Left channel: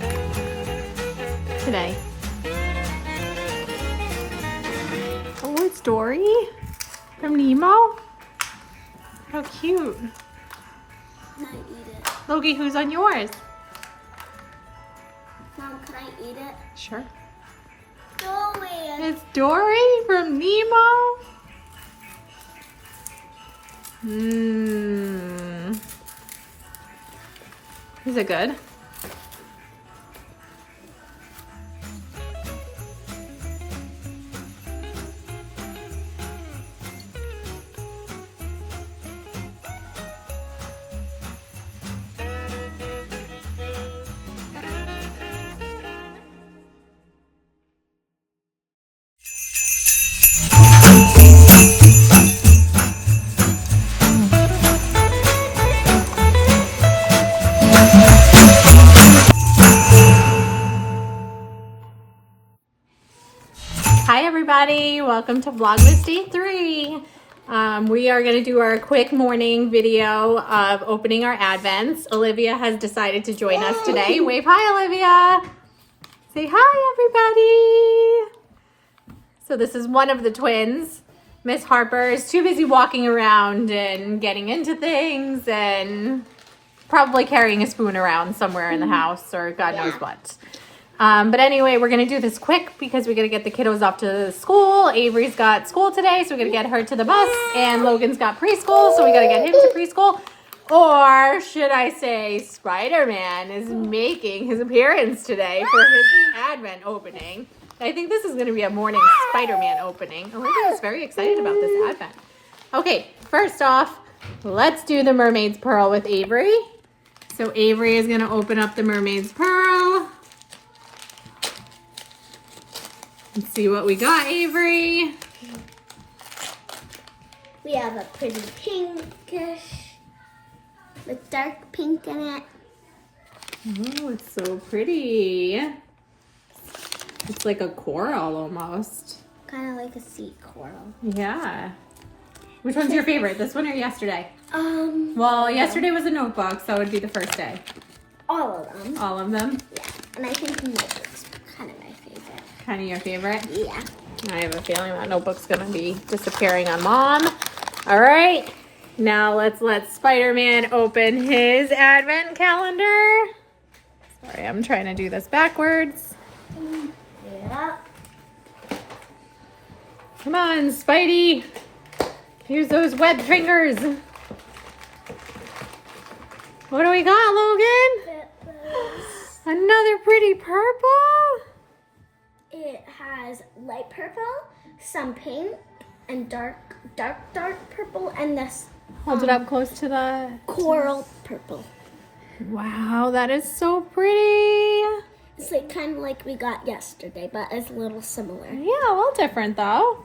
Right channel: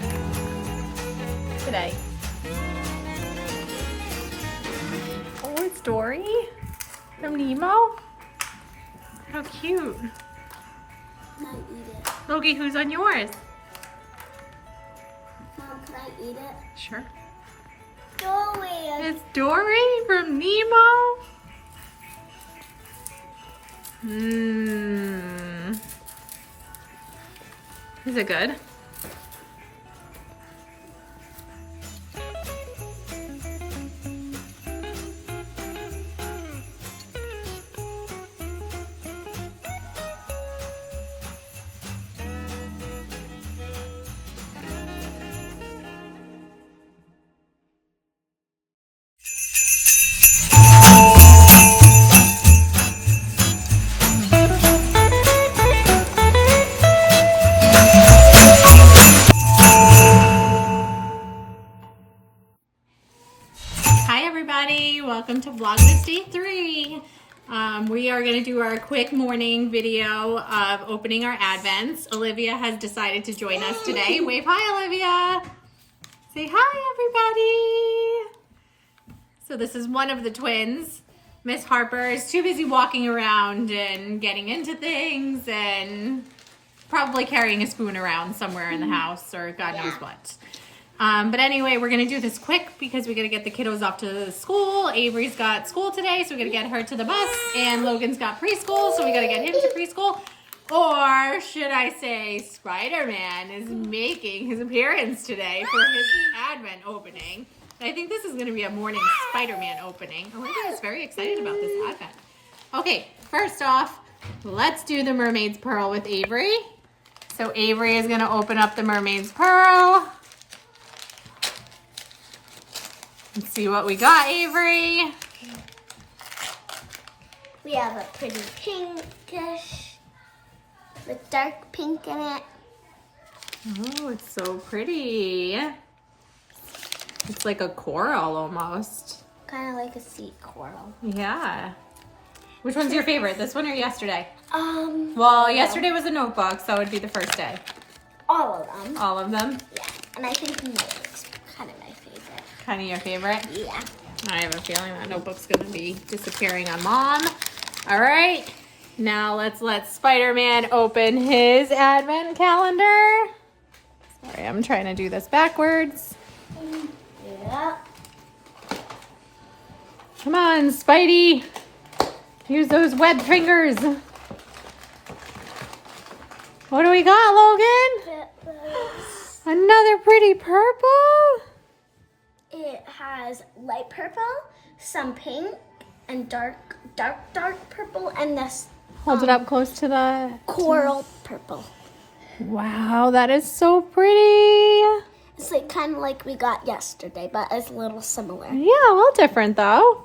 it today? Oh, it's Dory from Nemo. How cute. Can I eat it? Logie, who's on yours? Mom, can I eat it? Sure. Dory. It's Dory from Nemo. Is it good? Hi everybody, welcome to Vlogmas Day 3. We are going to do our quick morning video of opening our advents. Olivia has decided to join us today. Wave hi, Olivia. Say hi everybody. So this is one of the twins. Miss Harper is too busy walking around and getting into things and probably carrying a spoon around somewhere in the house or God knows what. But anyway, we're going to do this quick because we got to get the kiddos off to school. Avery's got school today, so we're going to get her to the bus. And Logan's got preschool, so we got to get him to preschool. Or should I say Spider-Man is making his appearance today for his Advent opening. I think this is going to be a morning Spider-Man opening. Olivia is very excited about this Advent. Okay, first off, let's do the Mermaid's Pearl with Avery. So Avery is going to open up the Mermaid's Pearl. Let's see what we got, Avery. We have a pretty pinkish with dark pink in it. Oh, it's so pretty. It's like a coral almost. Kind of like a sea coral. Yeah. Which one's your favorite, this one or yesterday? Well, yesterday was a notebook, so it would be the first day. all of them. All of them? Yeah, and I think notebook's kind of my favorite. Kind of your favorite? Yeah. I have a feeling that notebook's going to be disappearing on Mom. All right. Now let's let Spider-Man open his Advent calendar. Sorry, I'm trying to do this backwards. Yeah. Come on, Spidey. Use those web fingers. What do we got, Logan? Another pretty purple? It has light purple, some pink, and dark purple, and this Hold it up close to the coral purple. Wow, that is so pretty. It's like kind of like we got yesterday, but it's a little similar. Yeah, a little different though.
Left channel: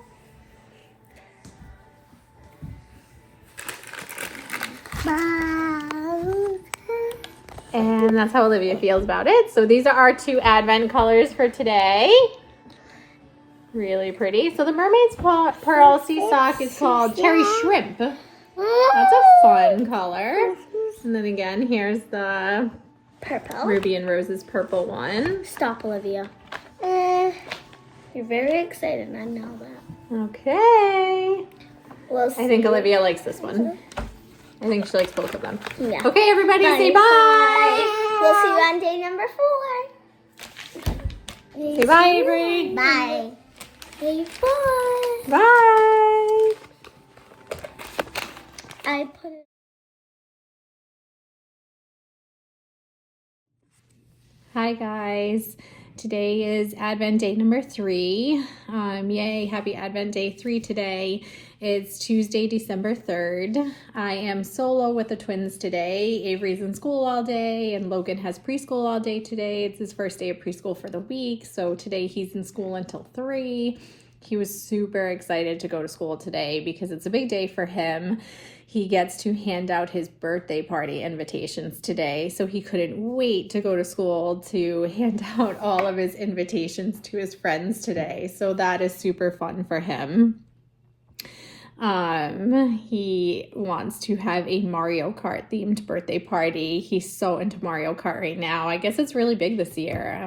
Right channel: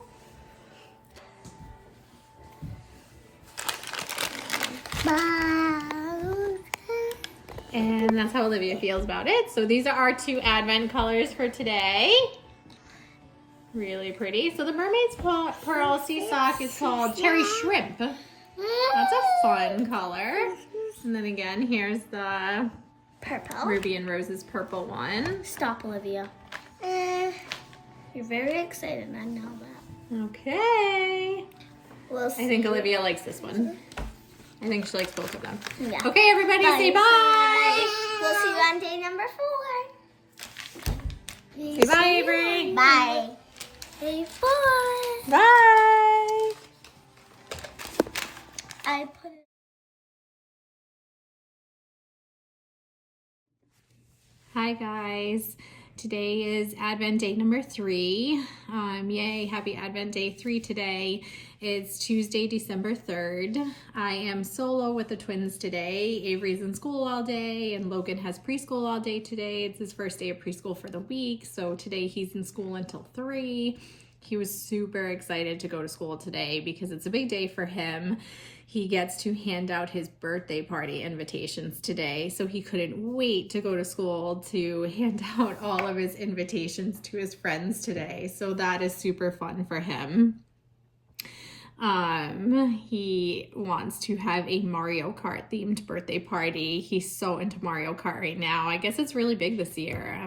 And that's how Olivia feels about it. So these are our two Advent colors for today. Really pretty. So the Mermaid's Pearl Sea Sock is called Cherry Shrimp. That's a fun color. And then again, here's the Purple. Ruby and Rose's purple one. Stop, Olivia. You're very excited, I know that. Okay. We'll see. I think Olivia likes this one. I think she likes both of them. Yeah. Okay, everybody, say bye. We'll see you on day number 4. Say bye, Avery. Bye. Day 4. Bye. I put it. Hi, guys. Today is Advent day number 3. Yay, happy Advent day 3 today. It's Tuesday, December 3rd. I am solo with the twins today. Avery's in school all day and Logan has preschool all day today. It's his first day of preschool for the week. So today he's in school until 3. He was super excited to go to school today because it's a big day for him. He gets to hand out his birthday party invitations today, so he couldn't wait to go to school to hand out all of his invitations to his friends today. So that is super fun for him. He wants to have a Mario Kart themed birthday party. He's so into Mario Kart right now. I guess it's really big this year.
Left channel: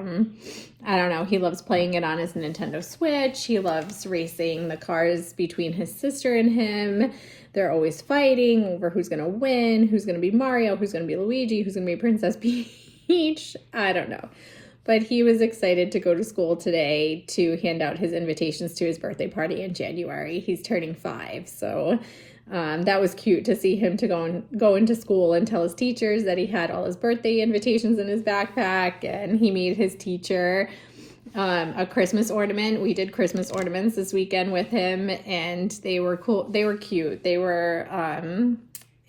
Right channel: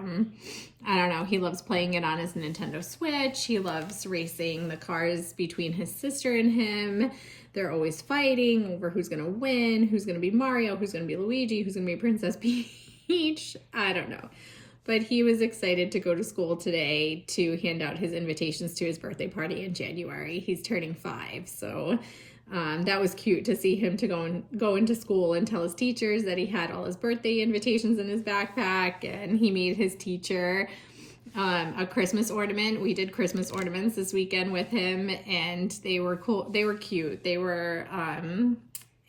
I don't know. He loves playing it on his Nintendo Switch. He loves racing the cars between his sister and him. They're always fighting over who's going to win, who's going to be Mario, who's going to be Luigi, who's going to be Princess Peach. I don't know. But he was excited to go to school today to hand out his invitations to his birthday party in January. He's turning 5, so that was cute to see him to go into school and tell his teachers that he had all his birthday invitations in his backpack, and he made his teacher a Christmas ornament. We did Christmas ornaments this weekend with him, and they were cool. They were cute. They were,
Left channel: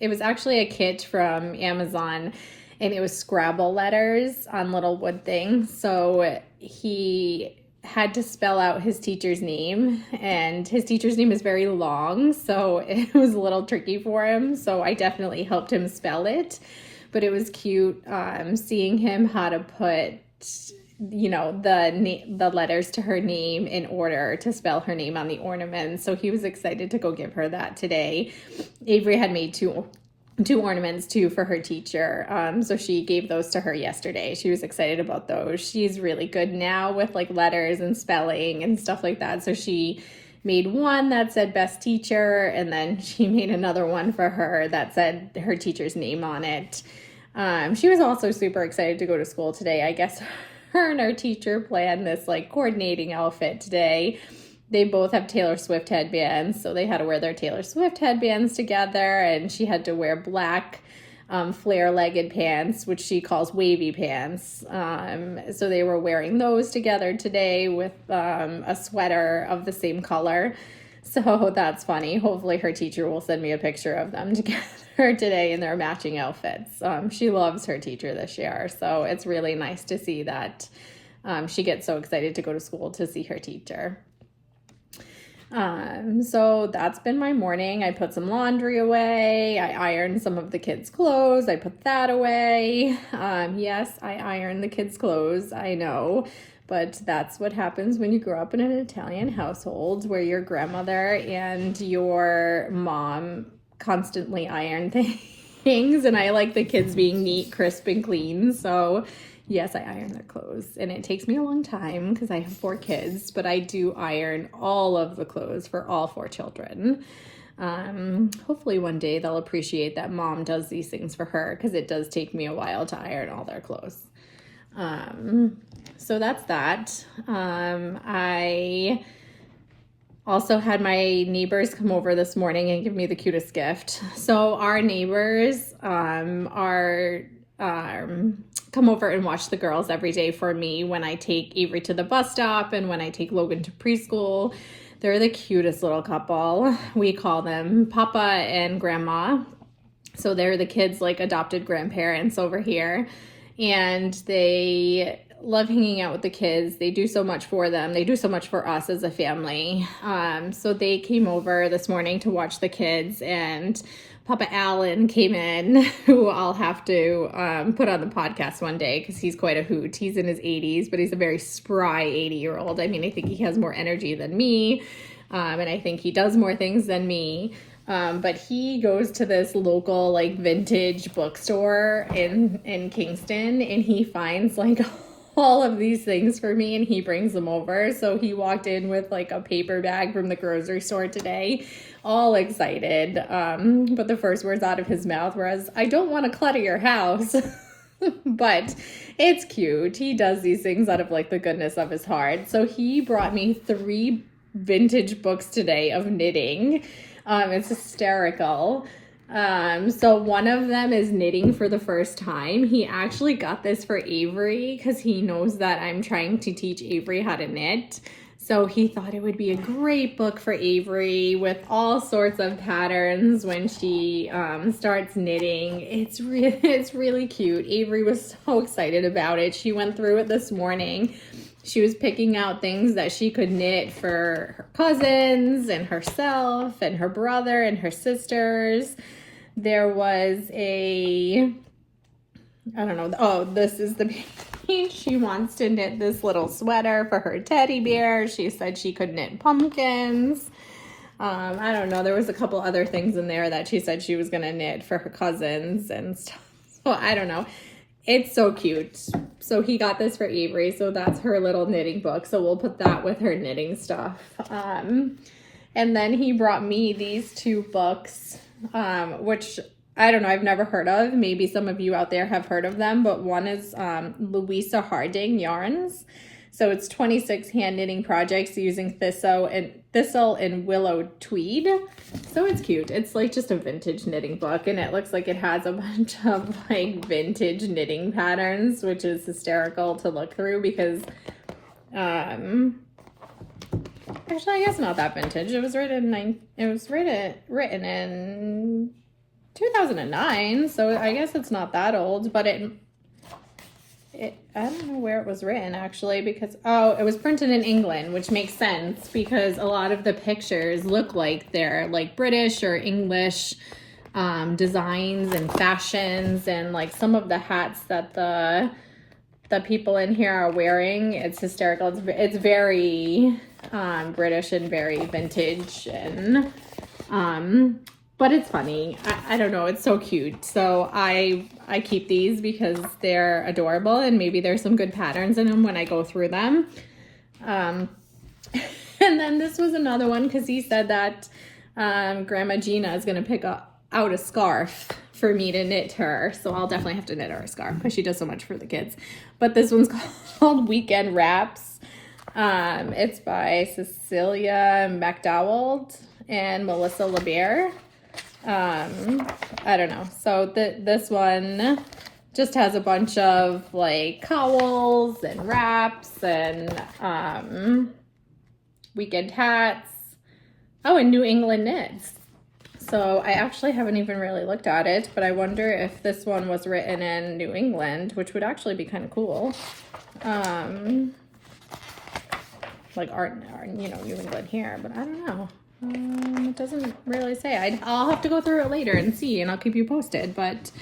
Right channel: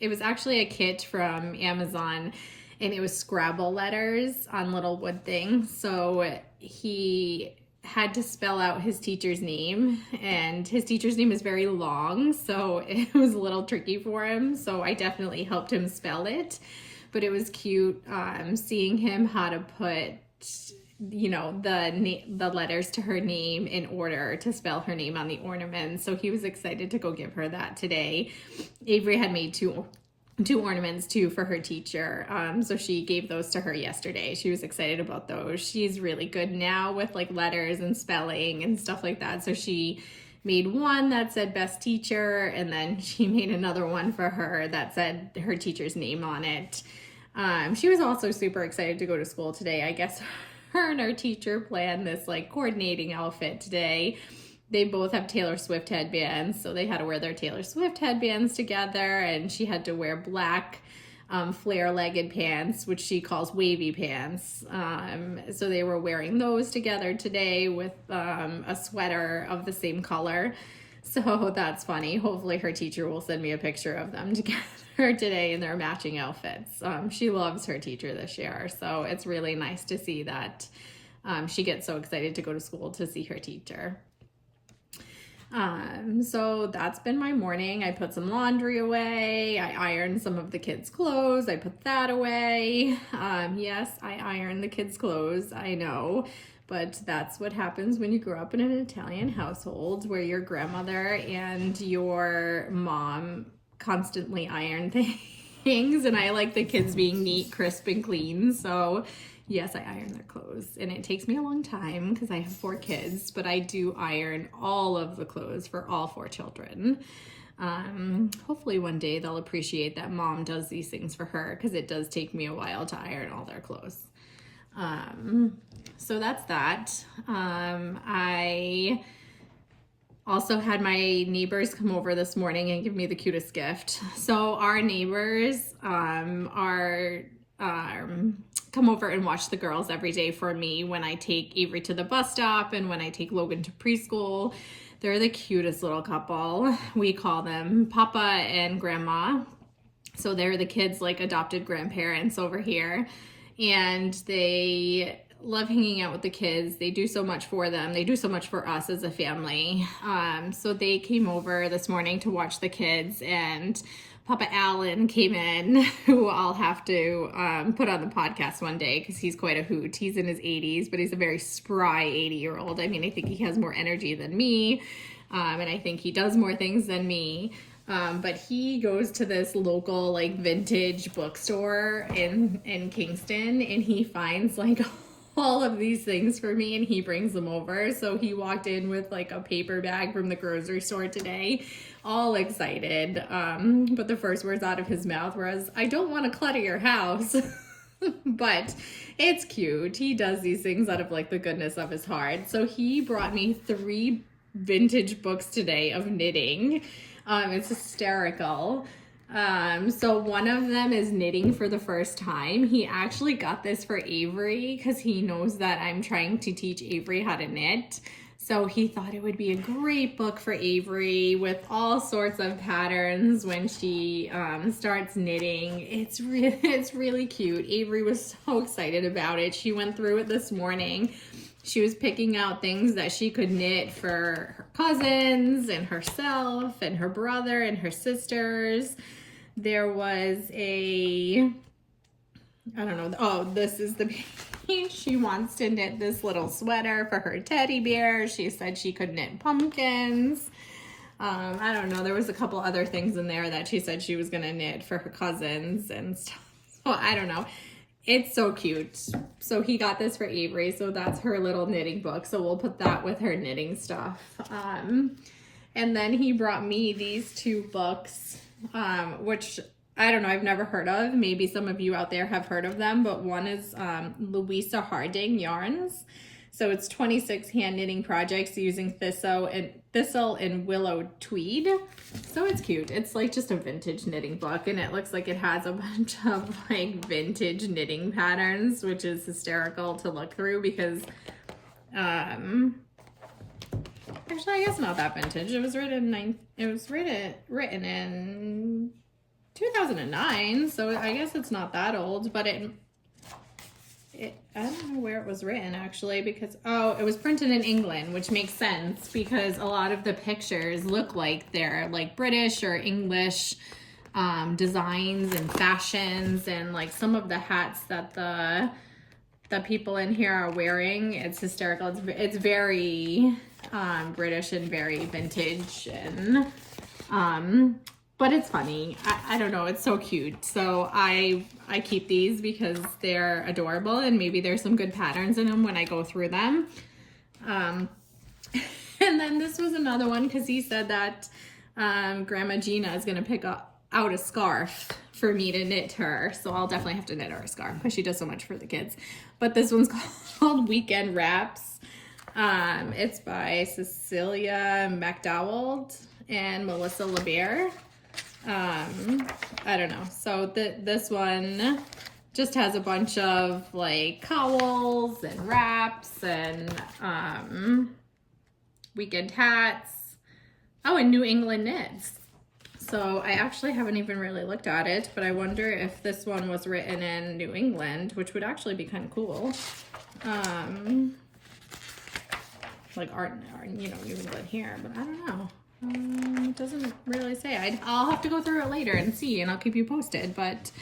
it was actually a kit from Amazon, and it was Scrabble letters on little wood things. So he had to spell out his teacher's name, and his teacher's name is very long, so it was a little tricky for him. So I definitely helped him spell it, but it was cute seeing him how to put, you know, the letters to her name in order to spell her name on the ornament. So he was excited to go give her that today. Avery had made two ornaments too for her teacher. So she gave those to her yesterday. She was excited about those. She's really good now with like letters and spelling and stuff like that. So she made one that said best teacher, and then she made another one for her that said her teacher's name on it. She was also super excited to go to school today. I guess her and her teacher planned this like coordinating outfit today. They both have Taylor Swift headbands, so they had to wear their Taylor Swift headbands together, and she had to wear black flare-legged pants, which she calls wavy pants. So they were wearing those together today with a sweater of the same color. So that's funny. Hopefully her teacher will send me a picture of them together today in their matching outfits. She loves her teacher this year, so it's really nice to see that she gets so excited to go to school to see her teacher. So that's been my morning. I put some laundry away. I ironed some of the kids' clothes. I put that away. Yes, I ironed the kids' clothes. I know, but that's what happens when you grow up in an Italian household where your grandmother and your mom constantly iron things, and I like the kids being neat, crisp, and clean. So yes, I iron their clothes, and it takes me a long time because I have 4 kids, but I do iron all of the clothes for all 4 children. Hopefully one day they'll appreciate that mom does these things for her, because it does take me a while to iron all their clothes. So that's that. I also had my neighbors come over this morning and give me the cutest gift. So our neighbors come over and watch the girls every day for me when I take Avery to the bus stop and when I take Logan to preschool. They're the cutest little couple. We call them Papa and Grandma. So they're the kids' like adopted grandparents over here, and they love hanging out with the kids. They do so much for them. They do so much for us as a family. So they came over this morning to watch the kids, and Papa Allen came in, who I'll have to put on the podcast one day because he's quite a hoot. He's in his 80s, but he's a very spry 80-year-old. I mean, I think he has more energy than me, and I think he does more things than me. But he goes to this local like vintage bookstore in Kingston, and he finds like all of these things for me, and he brings them over. So he walked in with like a paper bag from the grocery store today, all excited. But the first words out of his mouth was, "I don't want to clutter your house." But it's cute. He does these things out of like the goodness of his heart. So he brought me 3 vintage books today of knitting. It's hysterical. So one of them is knitting for the first time. He actually got this for Avery because he knows that I'm trying to teach Avery how to knit. So he thought it would be a great book for Avery with all sorts of patterns when she starts knitting. It's really cute. Avery was so excited about it. She went through it this morning. She was picking out things that she could knit for her cousins and herself and her brother and her sisters. There was I don't know, oh, this is the page. She wants to knit this little sweater for her teddy bear. She said she could knit pumpkins. I don't know. There was a couple other things in there that she said she was going to knit for her cousins and stuff. So I don't know. It's so cute. So he got this for Avery. So that's her little knitting book. So we'll put that with her knitting stuff. And then he brought me these two books, which I don't know, I've never heard of. Maybe some of you out there have heard of them, but one is Louisa Harding Yarns. So it's 26 hand knitting projects using thistle and willow tweed. So it's cute. It's like just a vintage knitting book, and it looks like it has a bunch of like vintage knitting patterns, which is hysterical to look through because actually I guess not that vintage. It was written in 2009, so I guess it's not that old, but I don't know where it was written actually, because it was printed in England, which makes sense because a lot of the pictures look like they're like British or English designs and fashions, and like some of the hats that the people in here are wearing, it's hysterical. It's very British and very vintage, and but it's funny. I don't know. It's so cute. So I keep these because they're adorable, and maybe there's some good patterns in them when I go through them. And then this was another one because he said that Grandma Gina is going to pick out a scarf for me to knit her. So I'll definitely have to knit her a scarf because she does so much for the kids. But this one's called Weekend Wraps. It's by Cecilia McDowell and Melissa LeBear. I don't know. So this one just has a bunch of like cowls and wraps and weekend hats. Oh, and New England knits. So I actually haven't even really looked at it, but I wonder if this one was written in New England, which would actually be kind of cool. Like art, you know, New England here, but I don't know. It doesn't really say. I'll have to go through it later and see, and I'll keep you posted. But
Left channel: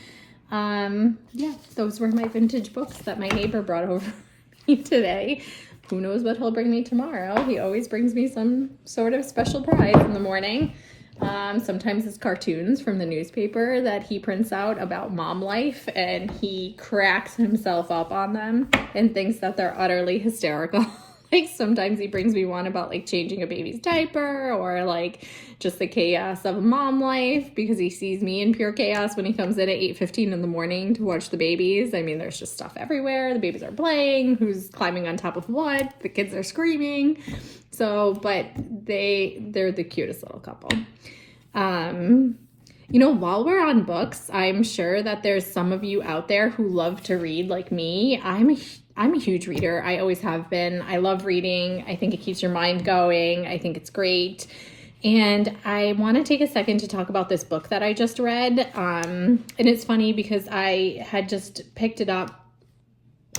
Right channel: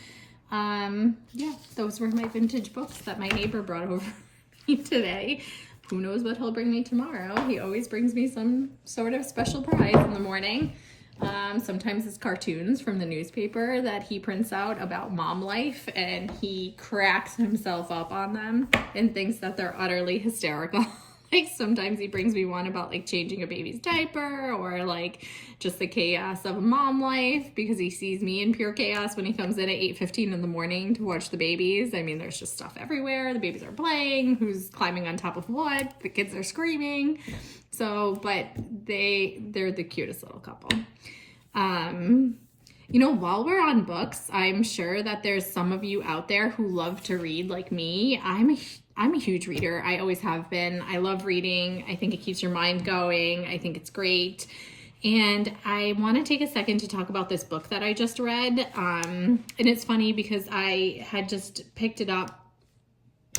yeah, those were my vintage books that my neighbor brought over me today. Who knows what he'll bring me tomorrow? He always brings me some sort of special prize in the morning. Sometimes it's cartoons from the newspaper that he prints out about mom life, and he cracks himself up on them and thinks that they're utterly hysterical. Like sometimes he brings me one about like changing a baby's diaper, or like just the chaos of mom life, because he sees me in pure chaos when he comes in at 8:15 in the morning to watch the babies. I mean, there's just stuff everywhere. The babies are playing, who's climbing on top of what, the kids are screaming. So, but they're the cutest little couple. You know, while we're on books, I'm sure that there's some of you out there who love to read like me. I'm a huge reader. I always have been. I love reading. I think it keeps your mind going. I think it's great. And I want to take a second to talk about this book that I just read. And it's funny because I had just picked it up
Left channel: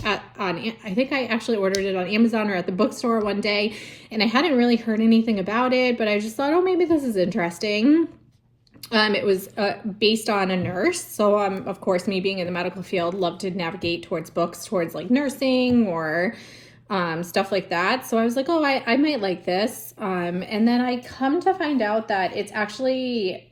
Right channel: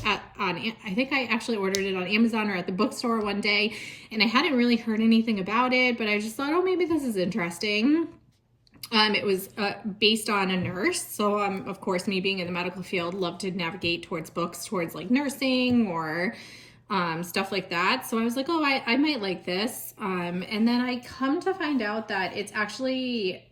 I think I actually ordered it on Amazon or at the bookstore one day, and I hadn't really heard anything about it, but I just thought, oh, maybe this is interesting. It was based on a nurse. So, of course, me being in the medical field, love to navigate towards books, towards like nursing or stuff like that. So I was like, oh, I might like this. And then I come to find out that it's actually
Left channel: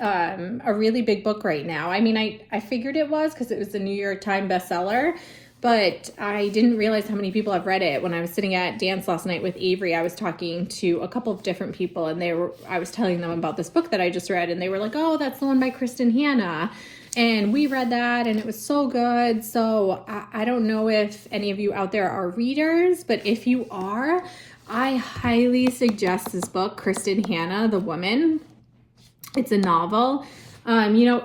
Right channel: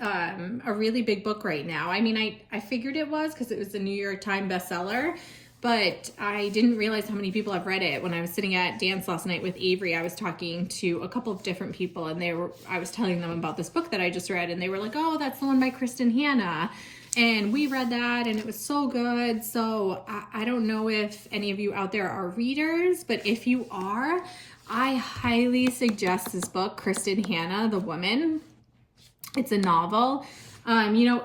a really big book right now. I mean, I figured it was because it was a New York Times bestseller, but I didn't realize how many people have read it. When I was sitting at dance last night with Avery, I was talking to a couple of different people, and I was telling them about this book that I just read, and they were like, oh, that's the one by Kristen Hanna. And we read that, and it was so good. So I don't know if any of you out there are readers, but if you are, I highly suggest this book, Kristen Hanna, The Woman. It's a novel. You know,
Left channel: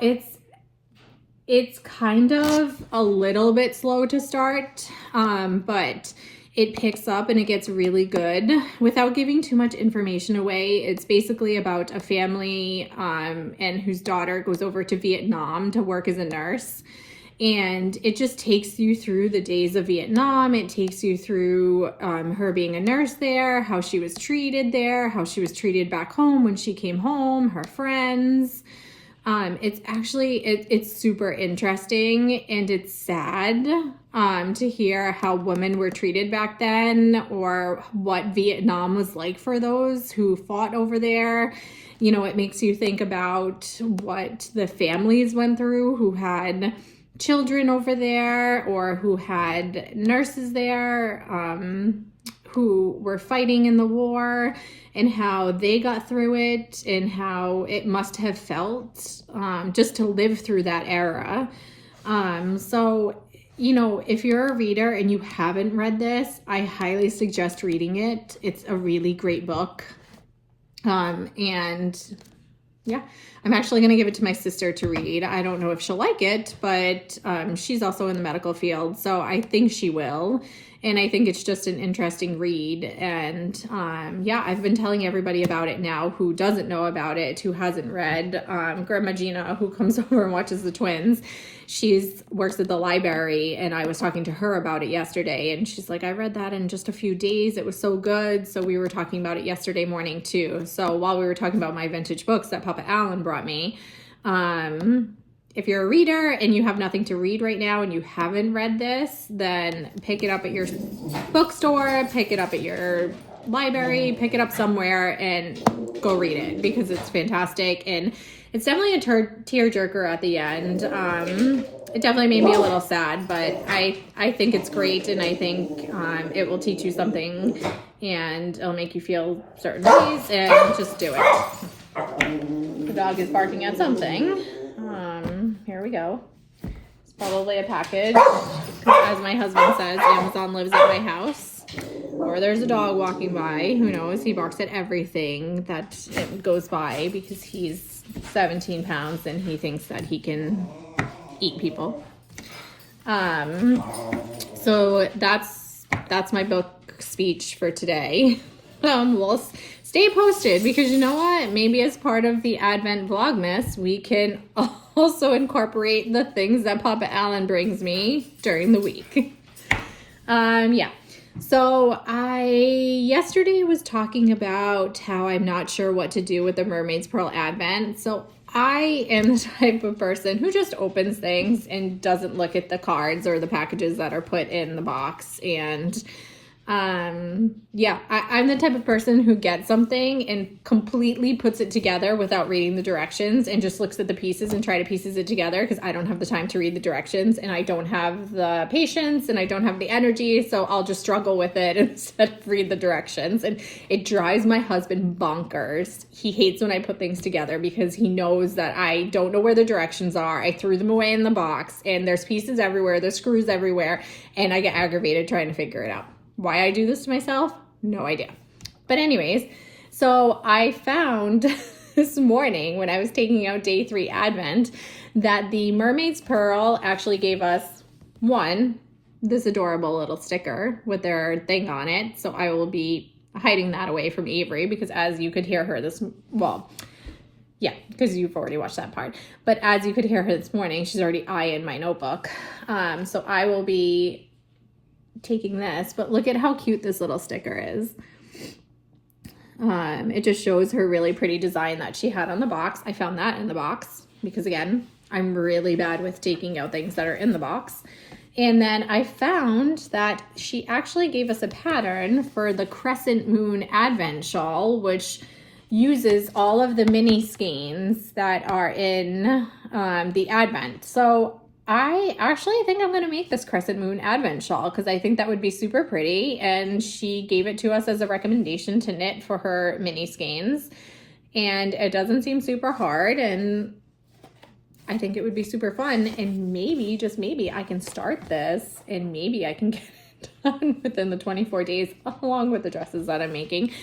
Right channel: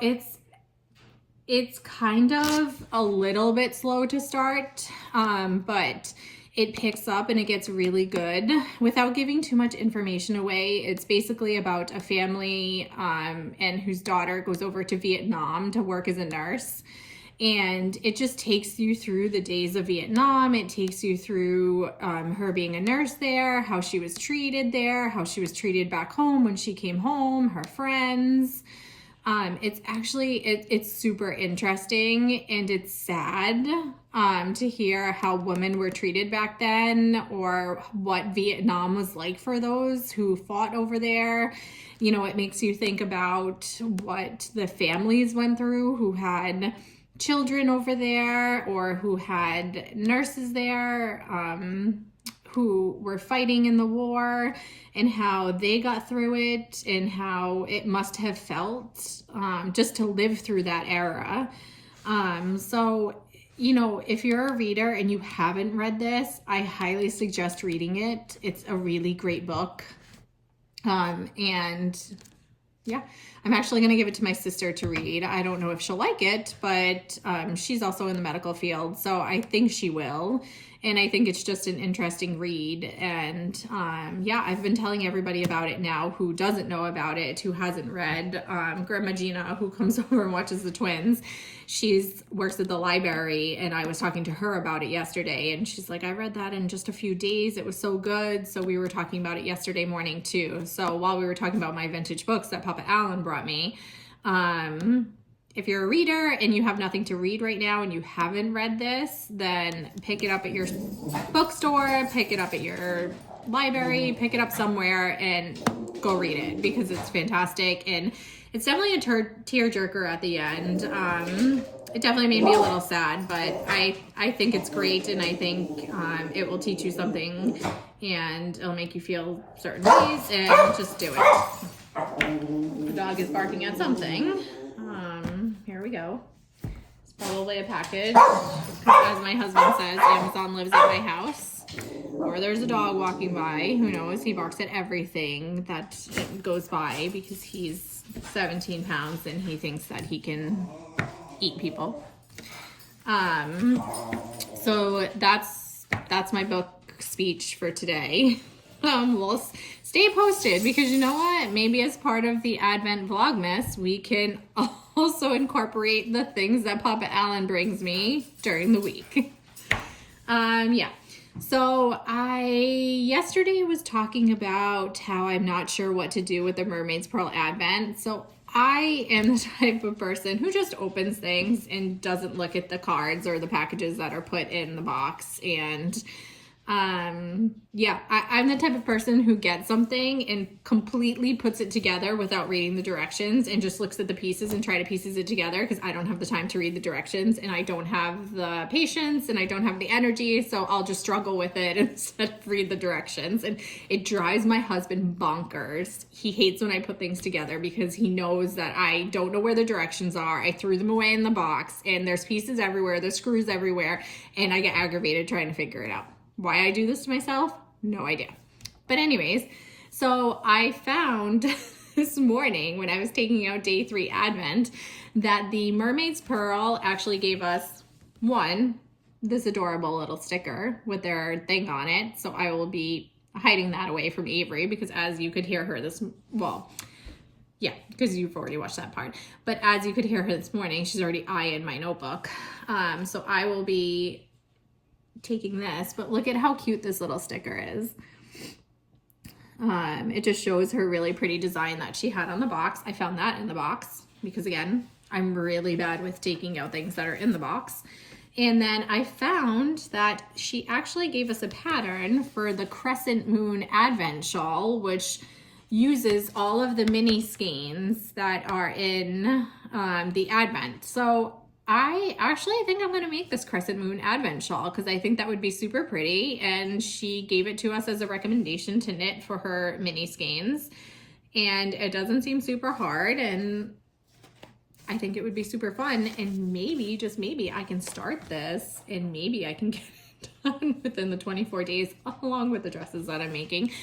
it's kind of a little bit slow to start, but it picks up and it gets really good. Without giving too much information away, it's basically about a family and whose daughter goes over to Vietnam to work as a nurse. And it just takes you through the days of Vietnam. It takes you through her being a nurse there, how she was treated there, how she was treated back home when she came home, her friends. It's actually, it's super interesting, and it's sad to hear how women were treated back then, or what Vietnam was like for those who fought over there. You know, it makes you think about what the families went through who had children over there, or who had nurses there, who were fighting in the war, and how they got through it, and how it must have felt just to live through that era. So, you know, if you're a reader and you haven't read this, I highly suggest reading it. It's a really great book. And yeah, I'm actually going to give it to my sister to read. I don't know if she'll like it, but she's also in the medical field, so I think she will. And I think it's just an interesting read. And yeah, I've been telling everybody about it now who doesn't know about it, who hasn't read. Grandma Gina, who comes over and watches the twins, works at the library, and I was talking to her about it yesterday, and she's like, I read that in just a few days. It was so good. So we were talking about it yesterday morning too. So while we were talking about my vintage books that Papa Allen brought me, if you're a reader and you have nothing to read right now and you haven't read this, then pick it up at your bookstore, pick it up at your library, pick it up somewhere and go read it, because it's fantastic. And it's definitely a tearjerker at the end. It definitely made me a little sad, but I think it's great, and I think it will teach you something, and it'll make you feel certain ways, and just do it. The dog is barking at something. Here we go. It's probably a package, as my husband says, Amazon lives at my house. Or there's a dog walking by. Who knows? He barks at everything that goes by, because he's 17 pounds and he thinks that he can eat people. So that's my book speech for today. We'll stay posted, because you know what? Maybe as part of the Advent Vlogmas, we can also incorporate the things that Papa Allen brings me during the week. Yeah. So yesterday was talking about how I'm not sure what to do with the Mermaid's Pearl Advent. So I am the type of person who just opens things and doesn't look at the cards or the packages that are put in the box. And yeah, I'm the type of person who gets something and completely puts it together without reading the directions, and just looks at the pieces and try to pieces it together, because I don't have the time to read the directions, and I don't have the patience, and I don't have the energy, so I'll just struggle with it instead of read the directions. And it drives my husband bonkers. He hates when I put things together, because he knows that I don't know where the directions are. I threw them away in the box, and there's pieces everywhere, there's screws everywhere, and I get aggravated trying to figure it out. Why I do this to myself? No idea. But anyways, so I found this morning when I was taking out day 3 Advent that the Mermaid's Pearl actually gave us this adorable little sticker with their thing on it. So I will be hiding that away from Avery, because as you could hear her yeah, because you've already watched that part. But as you could hear her this morning, she's already eyeing my notebook. So I will be taking this, but look at how cute this little sticker is. It just shows her really pretty design that she had on the box. I found that in the box, because again, I'm really bad with taking out things that are in the box. And then I found that she actually gave us a pattern for the Crescent Moon Advent shawl, which uses all of the mini skeins that are in the Advent. So I actually think I'm going to make this Crescent Moon Advent shawl, because I think that would be super pretty, and she gave it to us as a recommendation to knit for her mini skeins, and it doesn't seem super hard, and I think it would be super fun, and maybe, just maybe, I can start this, and maybe I can get it done within the 24 days, along with the dresses that I'm making.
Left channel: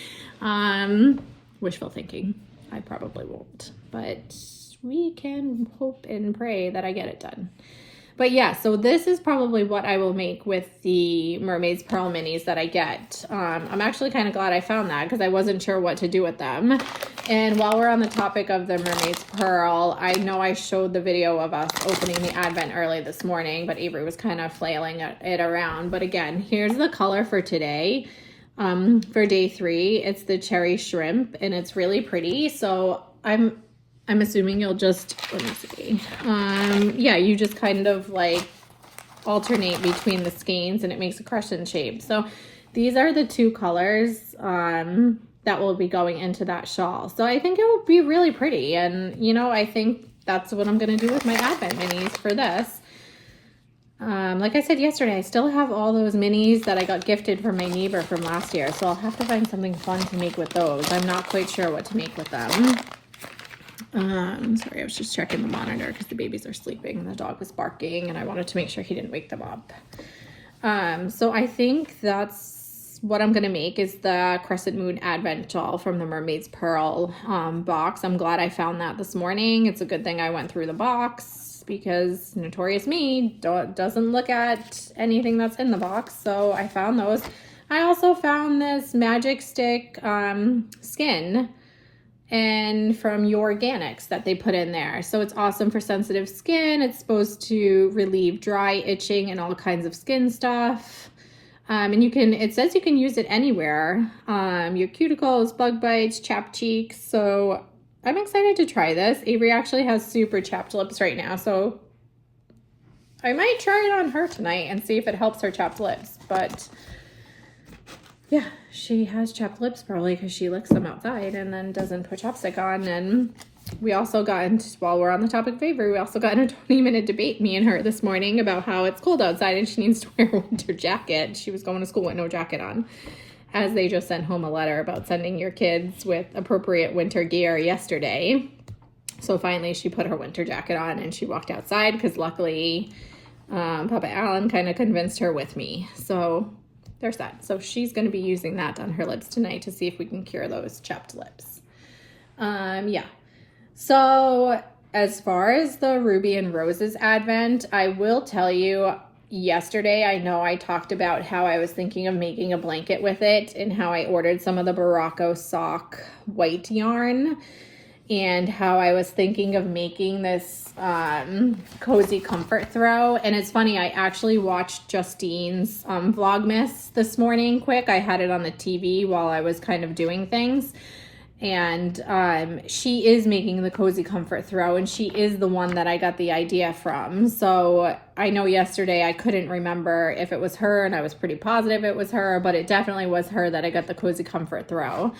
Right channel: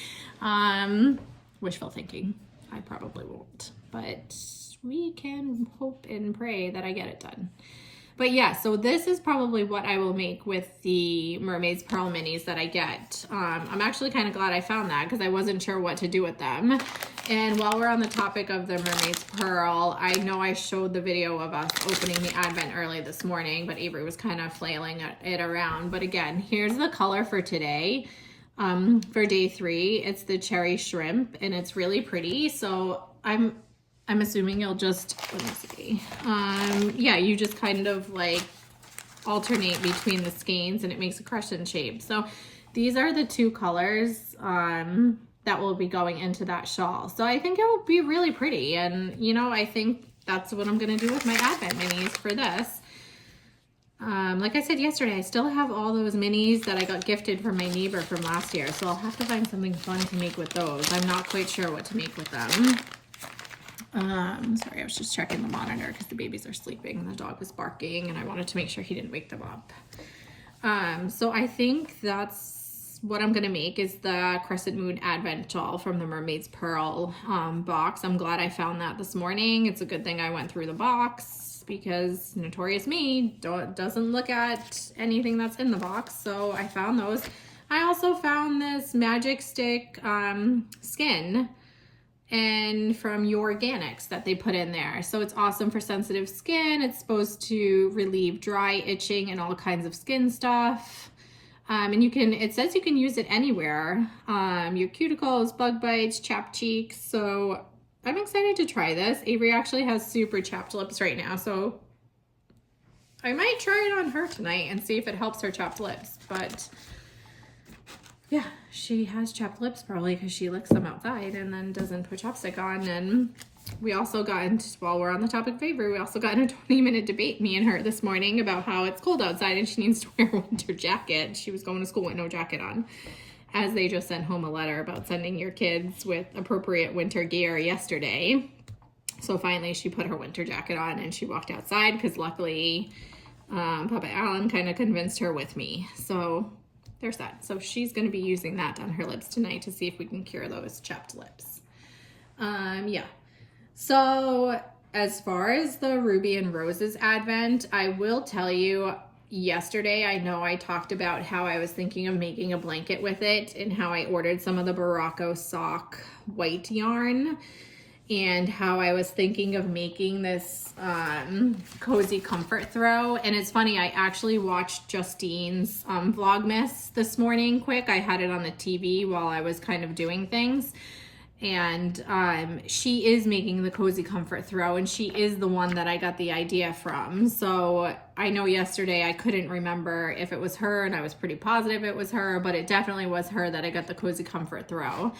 Wishful thinking. I probably won't, but we can hope and pray that I get it done. But yeah, so this is probably what I will make with the Mermaid's Pearl minis that I get. I'm actually kind of glad I found that, because I wasn't sure what to do with them. And while we're on the topic of the Mermaid's Pearl, I know I showed the video of us opening the Advent early this morning, but Avery was kind of flailing it around. But again, here's the color for today. For day 3, it's the cherry shrimp, and it's really pretty. So I'm I'm assuming you'll just, let me see. Yeah, you just kind of like alternate between the skeins and it makes a crescent shape. So these are the two colors that will be going into that shawl. So I think it will be really pretty. And you know, I think that's what I'm gonna do with my Advent minis for this. Like I said yesterday, I still have all those minis that I got gifted from my neighbor from last year. So I'll have to find something fun to make with those. I'm not quite sure what to make with them. Sorry, I was just checking the monitor because the babies are sleeping and the dog was barking and I wanted to make sure he didn't wake them up. So I think that's what I'm gonna make is the Crescent Moon Advent shawl from the Mermaid's Pearl box. I'm glad I found that this morning. It's a good thing I went through the box because notorious me doesn't look at anything that's in the box. So I found those. I also found this Magic Stick skin and from Your Organics that they put in there. So it's awesome for sensitive skin. It's supposed to relieve dry, itching, and all kinds of skin stuff. And you can, it says you can use it anywhere. Your cuticles, bug bites, chapped cheeks. So I'm excited to try this. Avery actually has super chapped lips right now. So I might try it on her tonight and see if it helps her chapped lips. But yeah, she has chapped lips probably because she licks them outside and then doesn't put chapstick on. And we also got into, while we're on the topic of Avery, we also got in a 20-minute debate, me and her, this morning about how it's cold outside and she needs to wear a winter jacket. She was going to school with no jacket on, as they just sent home a letter about sending your kids with appropriate winter gear yesterday. So finally she put her winter jacket on and she walked outside because luckily Papa Alan kind of convinced her with me. So there's that. So she's going to be using that on her lips tonight to see if we can cure those chapped lips. Yeah. So as far as the Ruby and Roses Advent, I will tell you, yesterday I know I talked about how I was thinking of making a blanket with it and how I ordered some of the Morocco sock white yarn and how I was thinking of making this cozy comfort throw. And it's funny, I actually watched Justine's VLOGMAS this morning quick. I had it on the TV while I was kind of doing things. And she is making the cozy comfort throw, and she is the one that I got the idea from. So I know yesterday I couldn't remember if it was her, and I was pretty positive it was her, but it definitely was her that I got the cozy comfort throw.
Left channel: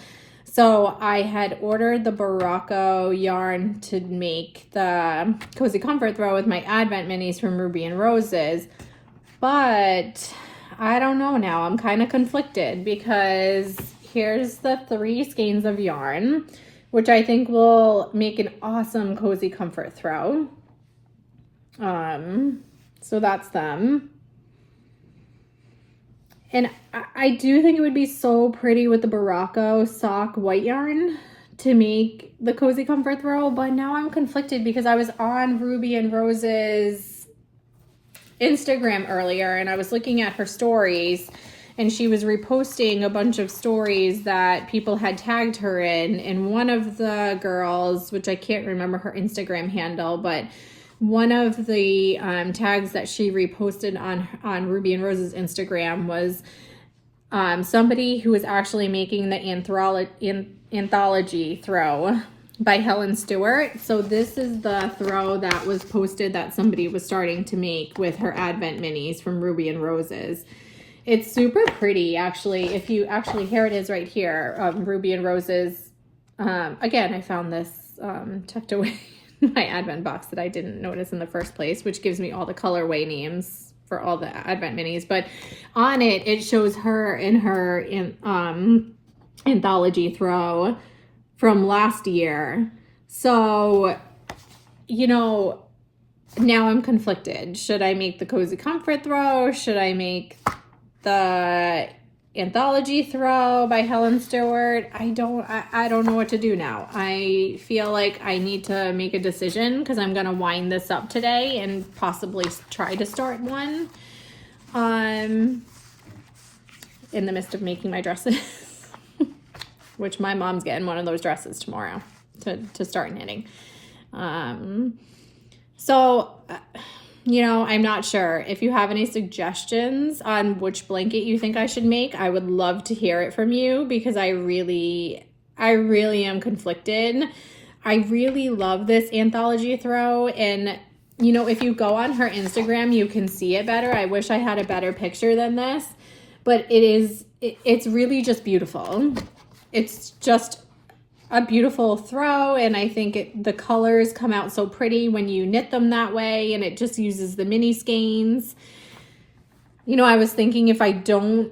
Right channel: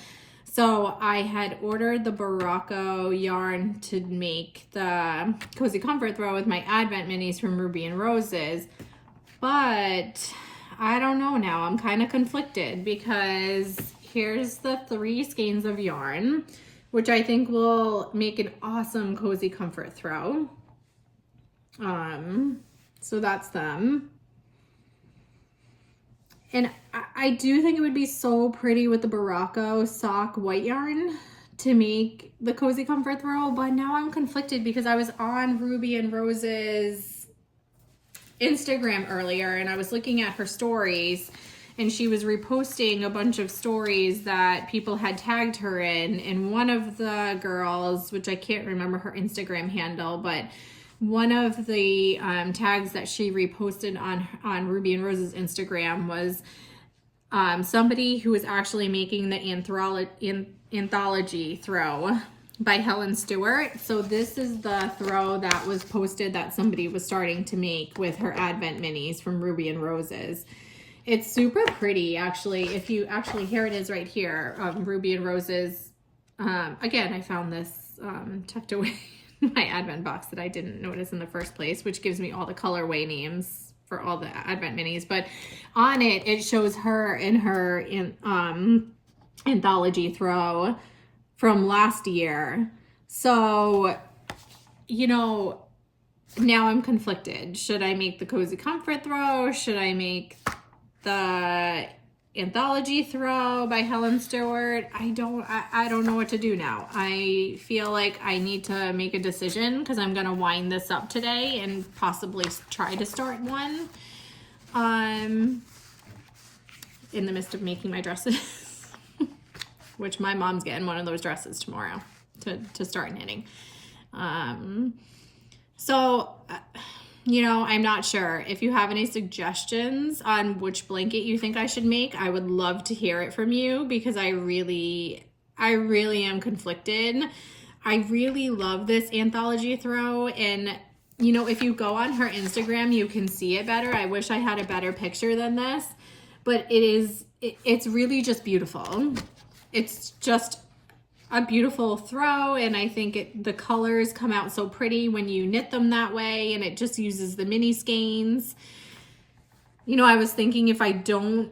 So I had ordered the Morocco yarn to make the cozy comfort throw with my Advent minis from Ruby and Roses, but I don't know now. I'm kind of conflicted because here's the 3 skeins of yarn, which I think will make an awesome cozy comfort throw. So that's them. And I do think it would be so pretty with the Morocco sock white yarn to make the cozy comfort throw, but now I'm conflicted because I was on Ruby and Rose's Instagram earlier and I was looking at her stories and she was reposting a bunch of stories that people had tagged her in. And one of the girls, which I can't remember her Instagram handle, but one of the tags that she reposted on Ruby and Rose's Instagram was somebody who was actually making the anthology throw by Helen Stewart. So this is the throw that was posted that somebody was starting to make with her Advent minis from Ruby and Roses. It's super pretty, actually. If you actually, here it is right here, Ruby and Roses. Again, I found this tucked away in my Advent box that I didn't notice in the first place, which gives me all the colorway names for all the Advent minis. But on it, it shows her in her anthology throw from last year. So, you know, now I'm conflicted. Should I make the cozy comfort throw? Should I make the anthology throw by Helen Stewart? I don't know what to do now. I feel like I need to make a decision because I'm gonna wind this up today and possibly try to start one in the midst of making my dresses, which my mom's getting one of those dresses tomorrow to start knitting. You know, I'm not sure. If you have any suggestions on which blanket you think I should make, I would love to hear it from you because I really am conflicted. I really love this anthology throw, and you know, if you go on her Instagram, you can see it better. I wish I had a better picture than this, but it's really just beautiful. It's just a beautiful throw, and I think the colors come out so pretty when you knit them that way, and it just uses the mini skeins. You know, I was thinking if I don't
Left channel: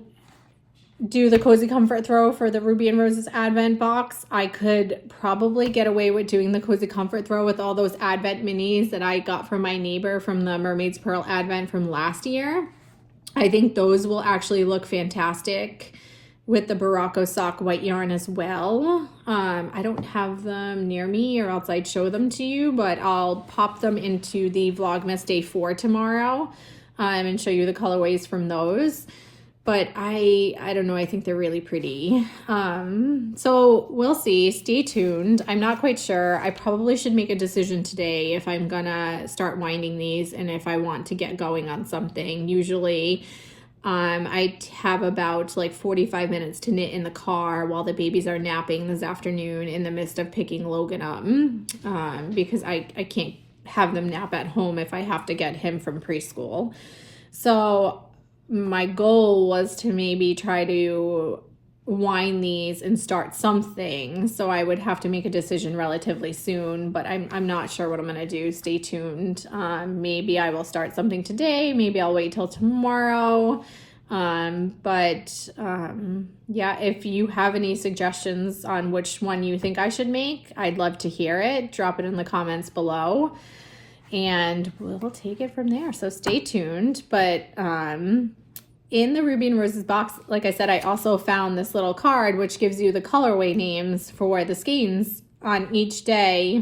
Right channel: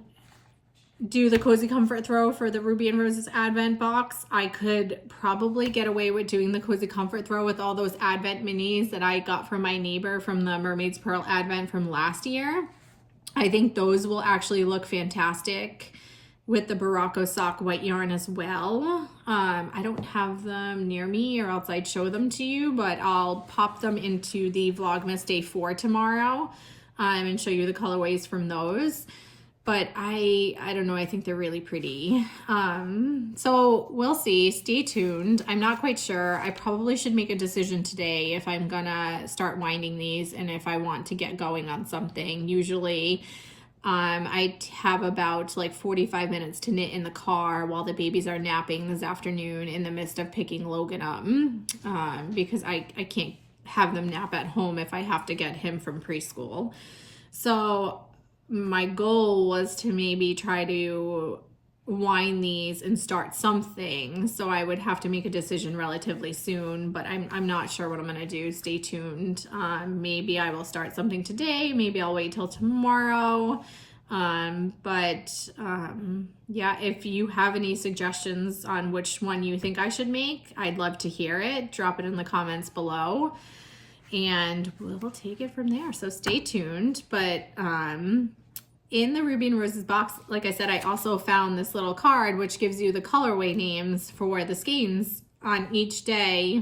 do the Cozy Comfort throw for the Ruby and Roses Advent box, I could probably get away with doing the Cozy Comfort throw with all those Advent minis that I got from my neighbor from the Mermaid's Pearl Advent from last year. I think those will actually look fantastic with the Barocco sock white yarn as well. I don't have them near me, or else I'd show them to you, but I'll pop them into the Vlogmas Day 4 tomorrow and show you the colorways from those. But I don't know, I think they're really pretty. So we'll see, stay tuned. I'm not quite sure. I probably should make a decision today if I'm gonna start winding these and if I want to get going on something. Usually I have about like 45 minutes to knit in the car while the babies are napping this afternoon in the midst of picking Logan up, because I can't have them nap at home if I have to get him from preschool. So my goal was to maybe try to wind these and start something. So I would have to make a decision relatively soon, but I'm not sure what I'm going to do. Stay tuned. Maybe I will start something today. Maybe I'll wait till tomorrow. Yeah, if you have any suggestions on which one you think I should make, I'd love to hear it. Drop it in the comments below, and we'll take it from there. So stay tuned. But in the Ruby and Roses box, like I said, I also found this little card which gives you the colorway names for the skeins on each day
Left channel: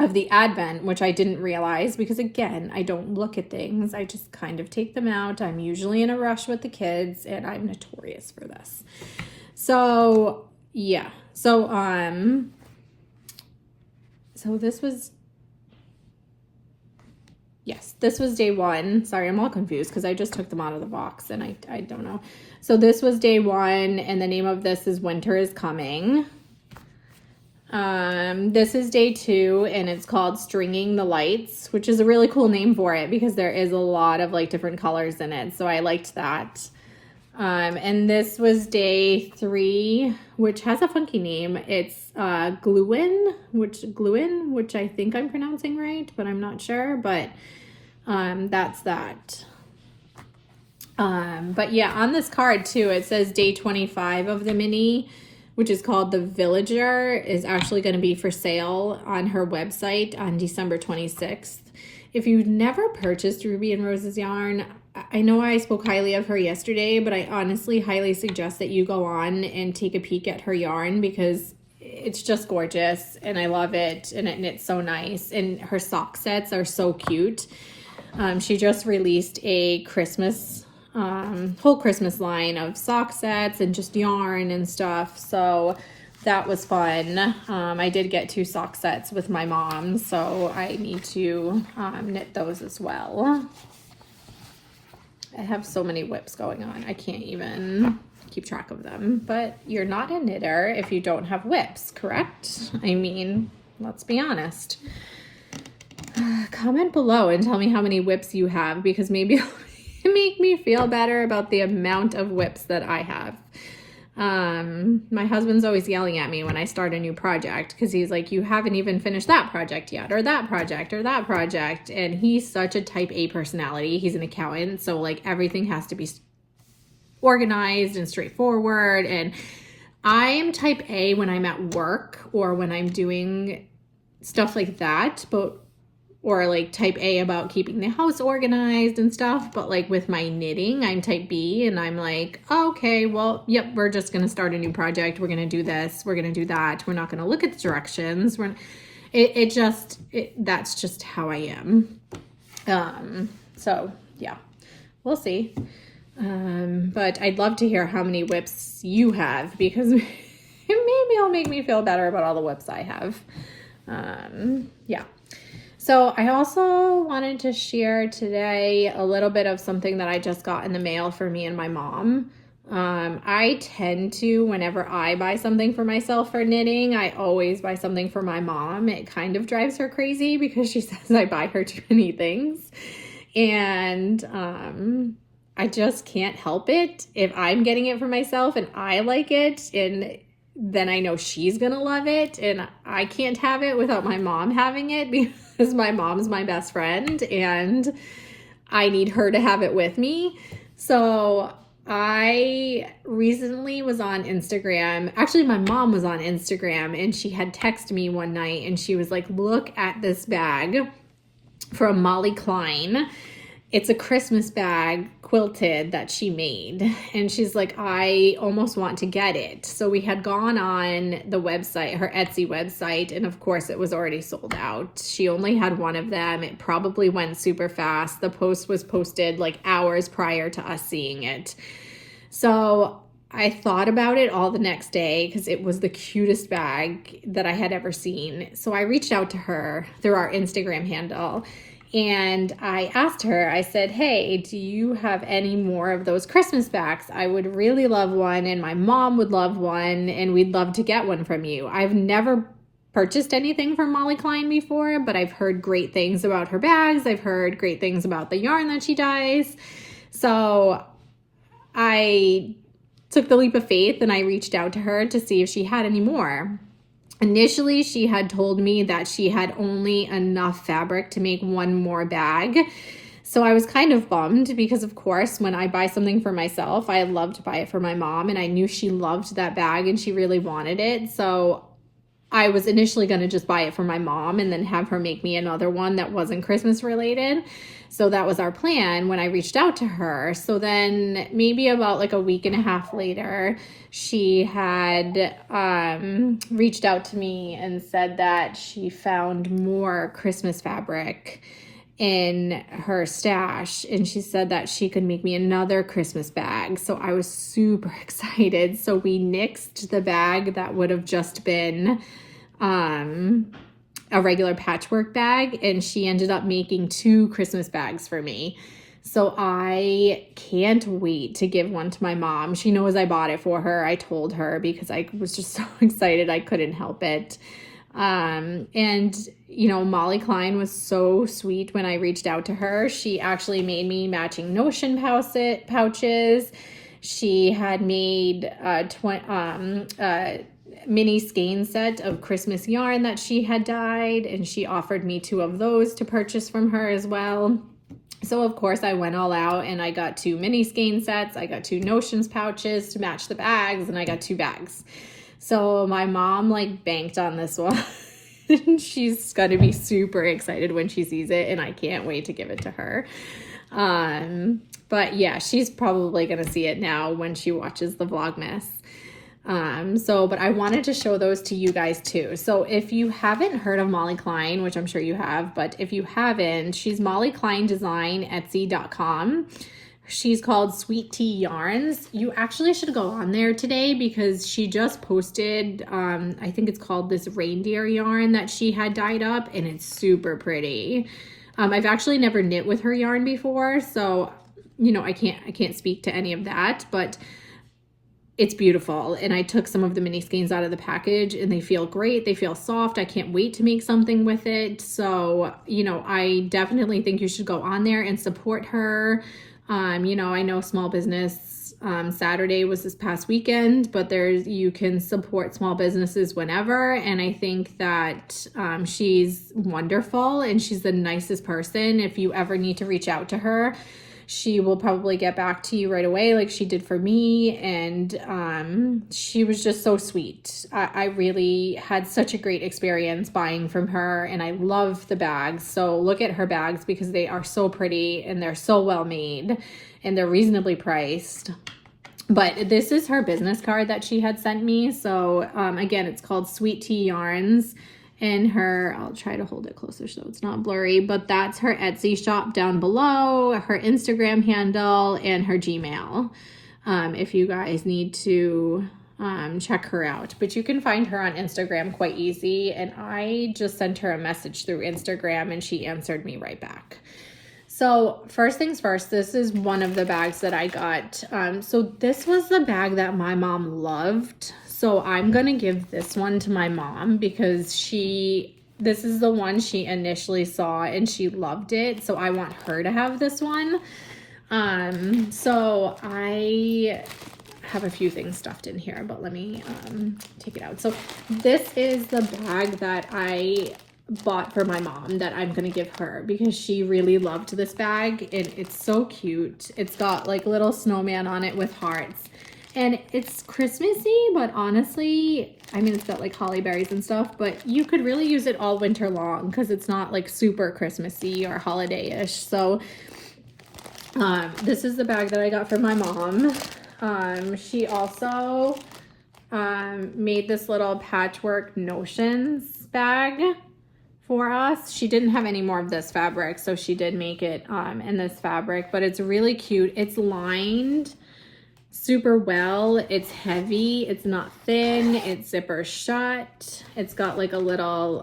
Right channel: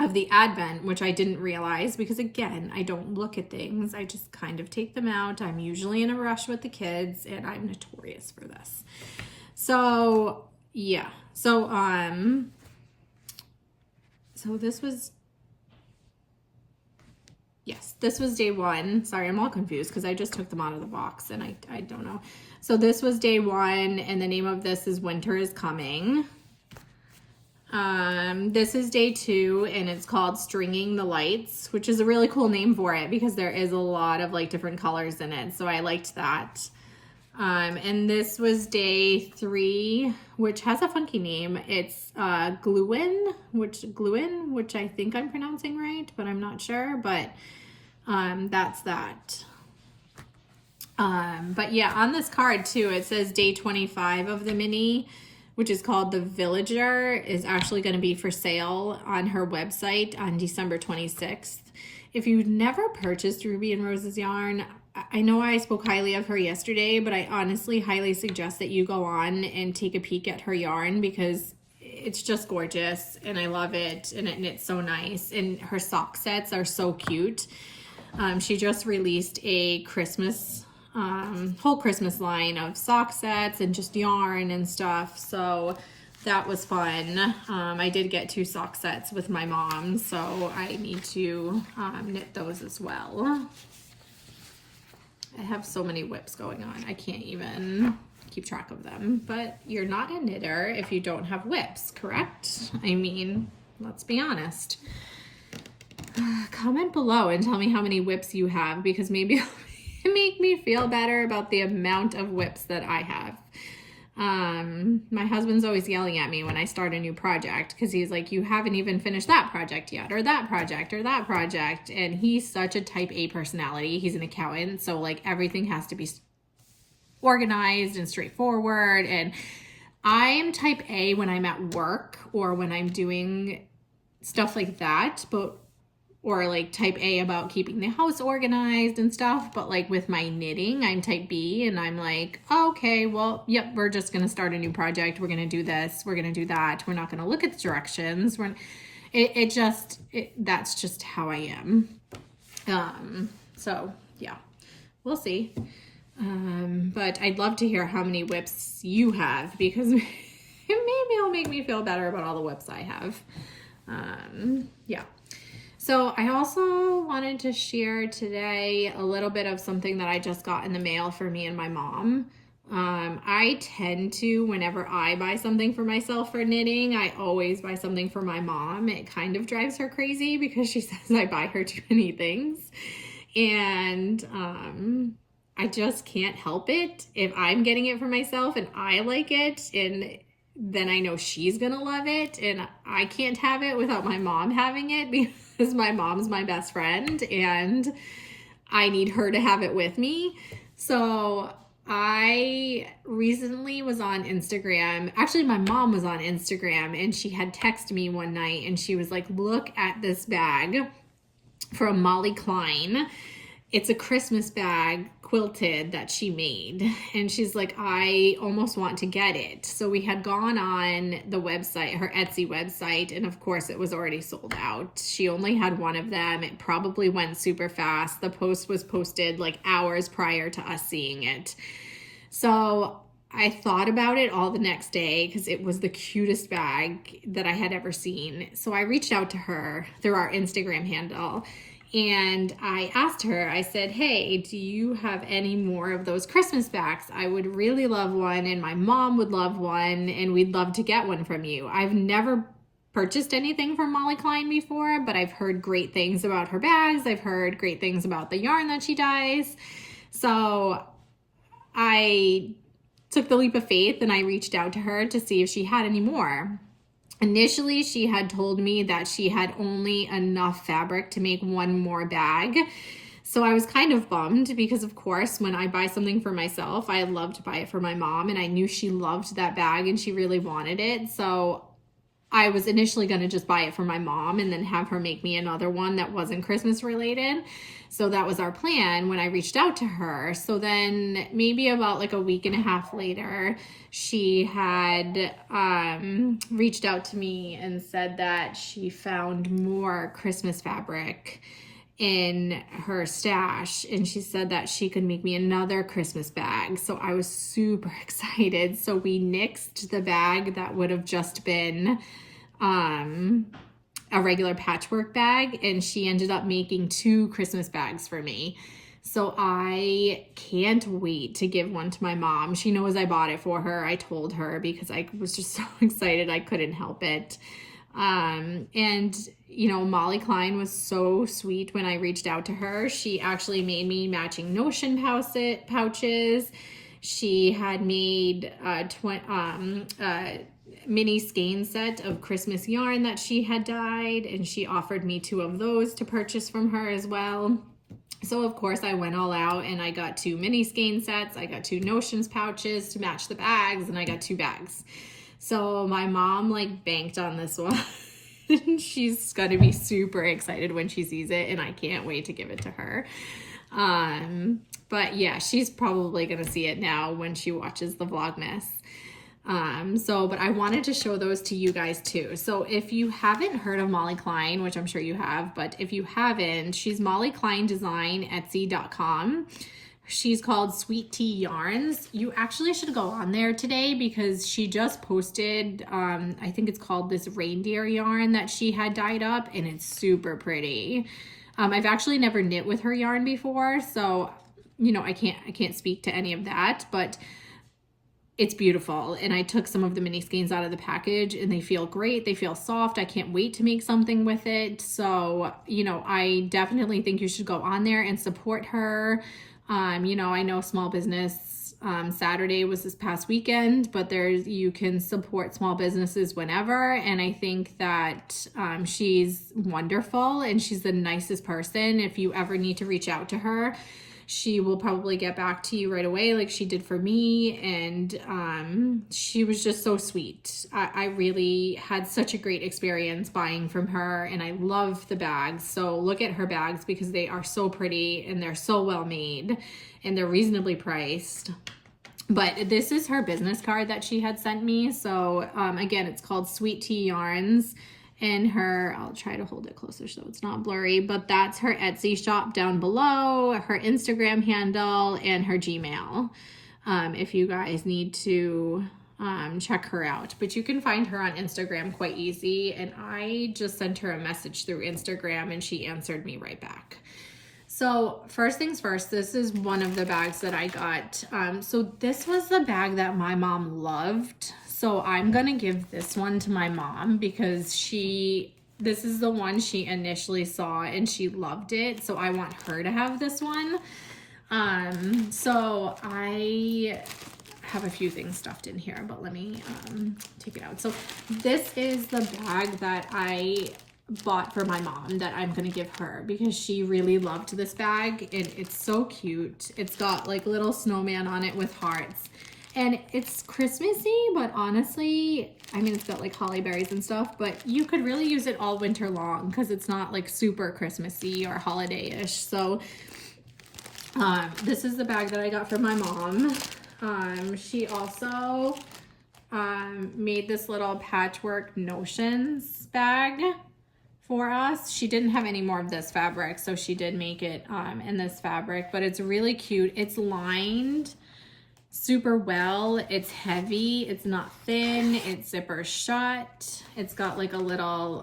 of the Advent, which I didn't realize because, again, I don't look at things. I just kind of take them out. I'm usually in a rush with the kids, and I'm notorious for this. So yeah, so this was, yes, this was day 1. Sorry, I'm all confused because I just took them out of the box and I don't know. So this was day 1, and the name of this is Winter is Coming. This is day 2, and it's called Stringing the Lights, which is a really cool name for it because there is a lot of like different colors in it. So I liked that. And this was day 3, which has a funky name. It's Gluin, which I think I'm pronouncing right, but I'm not sure. But that's that. But yeah, on this card too, it says day 25 of the mini, which is called The Villager, is actually going to be for sale on her website on December 26th. If you've never purchased Ruby and Roses yarn, I know I spoke highly of her yesterday, but I honestly highly suggest that you go on and take a peek at her yarn because it's just gorgeous and I love it, and it knits so nice, and her sock sets are so cute. She just released a Christmas whole Christmas line of sock sets and just yarn and stuff, so that was fun. I did get 2 sock sets with my mom, so I need to knit those as well. I have so many WIPs going on, I can't even keep track of them, but you're not a knitter if you don't have WIPs, correct? I mean, let's be honest. Comment below and tell me how many WIPs you have, because maybe make me feel better about the amount of WIPs that I have. My husband's always yelling at me when I start a new project because he's like, you haven't even finished that project yet, or that project, or that project. And he's such a type A personality. He's an accountant, so like everything has to be organized and straightforward. And I am type A when I'm at work or when I'm doing stuff like that, or like type A about keeping the house organized and stuff. But like with my knitting, I'm type B, and I'm like, oh, okay, well, yep, we're just going to start a new project. We're going to do this. We're going to do that. We're not going to look at the directions. That's just how I am. So yeah, we'll see. But I'd love to hear how many WIPs you have, because maybe it'll make me feel better about all the WIPs I have. Yeah. So I also wanted to share today a little bit of something that I just got in the mail for me and my mom. I tend to, whenever I buy something for myself for knitting, I always buy something for my mom. It kind of drives her crazy because she says I buy her too many things. And I just can't help it. If I'm getting it for myself and I like it, and then I know she's gonna love it, and I can't have it without my mom having it because my mom's my best friend and I need her to have it with me. So I recently was on Instagram. Actually, my mom was on Instagram and she had texted me one night and she was like, look at this bag from Molly Klein. It's a Christmas bag quilted that she made. And she's like, I almost want to get it. So we had gone on the website, her Etsy website, and of course it was already sold out. She only had one of them. It probably went super fast. The post was posted like hours prior to us seeing it. So I thought about it all the next day because it was the cutest bag that I had ever seen. So I reached out to her through our Instagram handle. And I asked her, I said, hey, do you have any more of those Christmas bags? I would really love one, and my mom would love one, and we'd love to get one from you. I've never purchased anything from Molly Klein before, but I've heard great things about her bags. I've heard great things about the yarn that she dyes. So I took the leap of faith and I reached out to her to see if she had any more. Initially, she had told me that she had only enough fabric to make one more bag. So I was kind of bummed because, of course, when I buy something for myself, I love to buy it for my mom, and I knew she loved that bag and she really wanted it. So I was initially going to just buy it for my mom and then have her make me another one that wasn't Christmas related. So that was our plan when I reached out to her. So then maybe about like a week and a half later, she had reached out to me and said that she found more Christmas fabric in her stash, and she said that she could make me another Christmas bag. So I was super excited. So we nixed the bag that would have just been a regular patchwork bag, and she ended up making 2 Christmas bags for me. So I can't wait to give one to my mom. She knows I bought it for her. I told her because I was just so excited I couldn't help it. And, you know, Molly Klein was so sweet when I reached out to her. She actually made me matching Notion pouches. She had made a mini skein set of Christmas yarn that she had dyed, and she offered me 2 of those to purchase from her as well. So of course I went all out and I got 2 mini skein sets. I got 2 Notions pouches to match the bags, and I got 2 bags. So my mom like banked on this one. She's gonna be super excited when she sees it, and I can't wait to give it to her. But yeah, she's probably gonna see it now when she watches the Vlogmas. But I wanted to show those to you guys too. So if you haven't heard of Molly Klein, which I'm sure you have, but if you haven't, she's Molly Klein Design, Etsy.com. She's called Sweet Tea Yarns. You actually should go on there today because she just posted, I think it's called this reindeer yarn that she had dyed up, and it's super pretty. I've actually never knit with her yarn before, so, you know, I can't speak to any of that, but it's beautiful. And I took some of the mini skeins out of the package and they feel great. They feel soft. I can't wait to make something with it. So, you know, I definitely think you should go on there and support her. You know, I know Small Business Saturday was this past weekend, but you can support small businesses whenever. And I think that she's wonderful and she's the nicest person. If you ever need to reach out to her, she will probably get back to you right away like she did for me. And she was just so sweet. I really had such a great experience buying from her, and I love the bags. So look at her bags because they are so pretty and they're so well made and they're reasonably priced. But this is her business card that she had sent me. So again, it's called Sweet Tea Yarns. And I'll try to hold it closer so it's not blurry, but that's her Etsy shop down below, her Instagram handle, and her Gmail, if you guys need to check her out. But you can find her on Instagram quite easy, and I just sent her a message through Instagram and she answered me right back. So first things first, this is one of the bags that I got. So this was the bag that my mom loved. So I'm going to give this one to my mom because this is the one she initially saw and she loved it. So I want her to have this one. So I have a few things stuffed in here, but let me take it out. So this is the bag that I bought for my mom that I'm gonna give her because she really loved this bag and it's so cute. It's got like a little snowman on it with hearts and it's Christmassy, but honestly, I mean, it's got like holly berries and stuff, but you could really use it all winter long because it's not like super Christmassy or holiday-ish. So this is the bag that I got for my mom. She also made this little patchwork notions bag for us. She didn't have any more of this fabric, so she did make it in this fabric, but it's really cute. It's lined super well. It's heavy. It's not thin. It's zipper shut. It's got like a little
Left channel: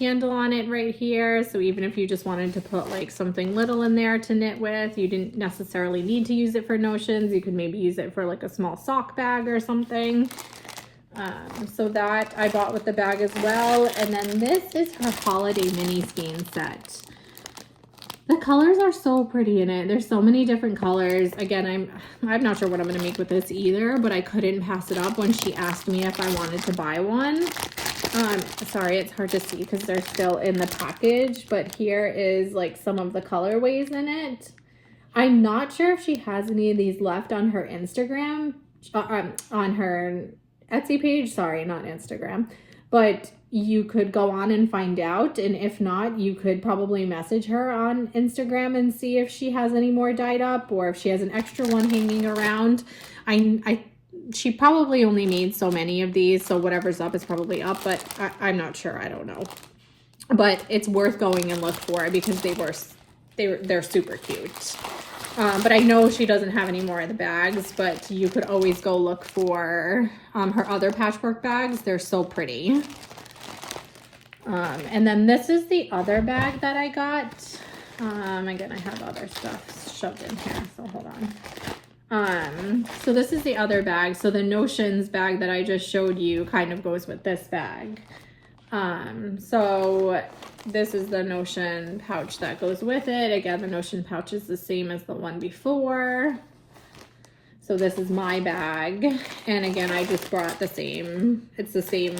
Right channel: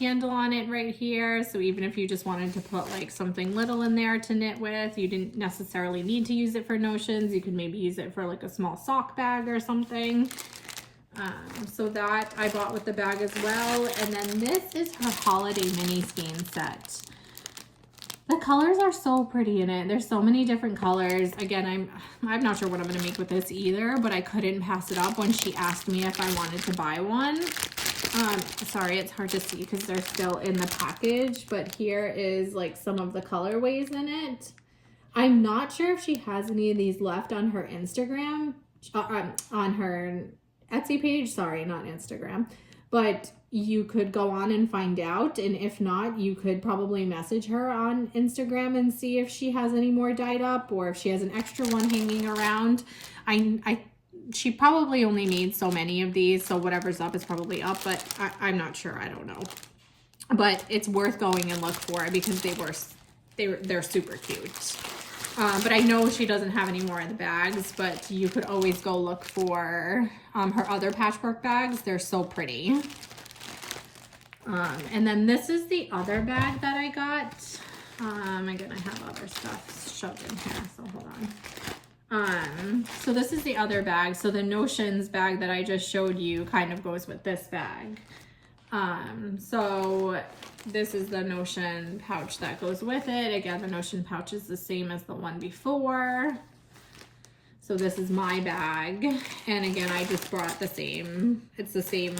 handle on it right here. So even if you just wanted to put like something little in there to knit with, you didn't necessarily need to use it for notions. You could maybe use it for like a small sock bag or something. So that I bought with the bag as well. And then this is her holiday mini skein set. The colors are so pretty in it. There's so many different colors. Again, I'm not sure what I'm gonna make with this either, but I couldn't pass it up when she asked me if I wanted to buy one. Sorry, it's hard to see because they're still in the package, but here is like some of the colorways in it. I'm not sure if she has any of these left on her Instagram, on her Etsy page. Sorry, not Instagram, but you could go on and find out, and if not, you could probably message her on Instagram and see if she has any more dyed up or if she has an extra one hanging around. She probably only made so many of these, so whatever's up is probably up, but I'm not sure. I don't know, but it's worth going and look for because they're super cute. But I know she doesn't have any more of the bags, but you could always go look for her other patchwork bags. They're so pretty. And then this is the other bag that I got. Again, I have other stuff shoved in here, so hold on. So this is the other bag. So the Notions bag that I just showed you kind of goes with this bag. So this is the Notion pouch that goes with it. Again, the Notion pouch is the same as the one before. So this is my bag. And again, I just brought the same, it's the same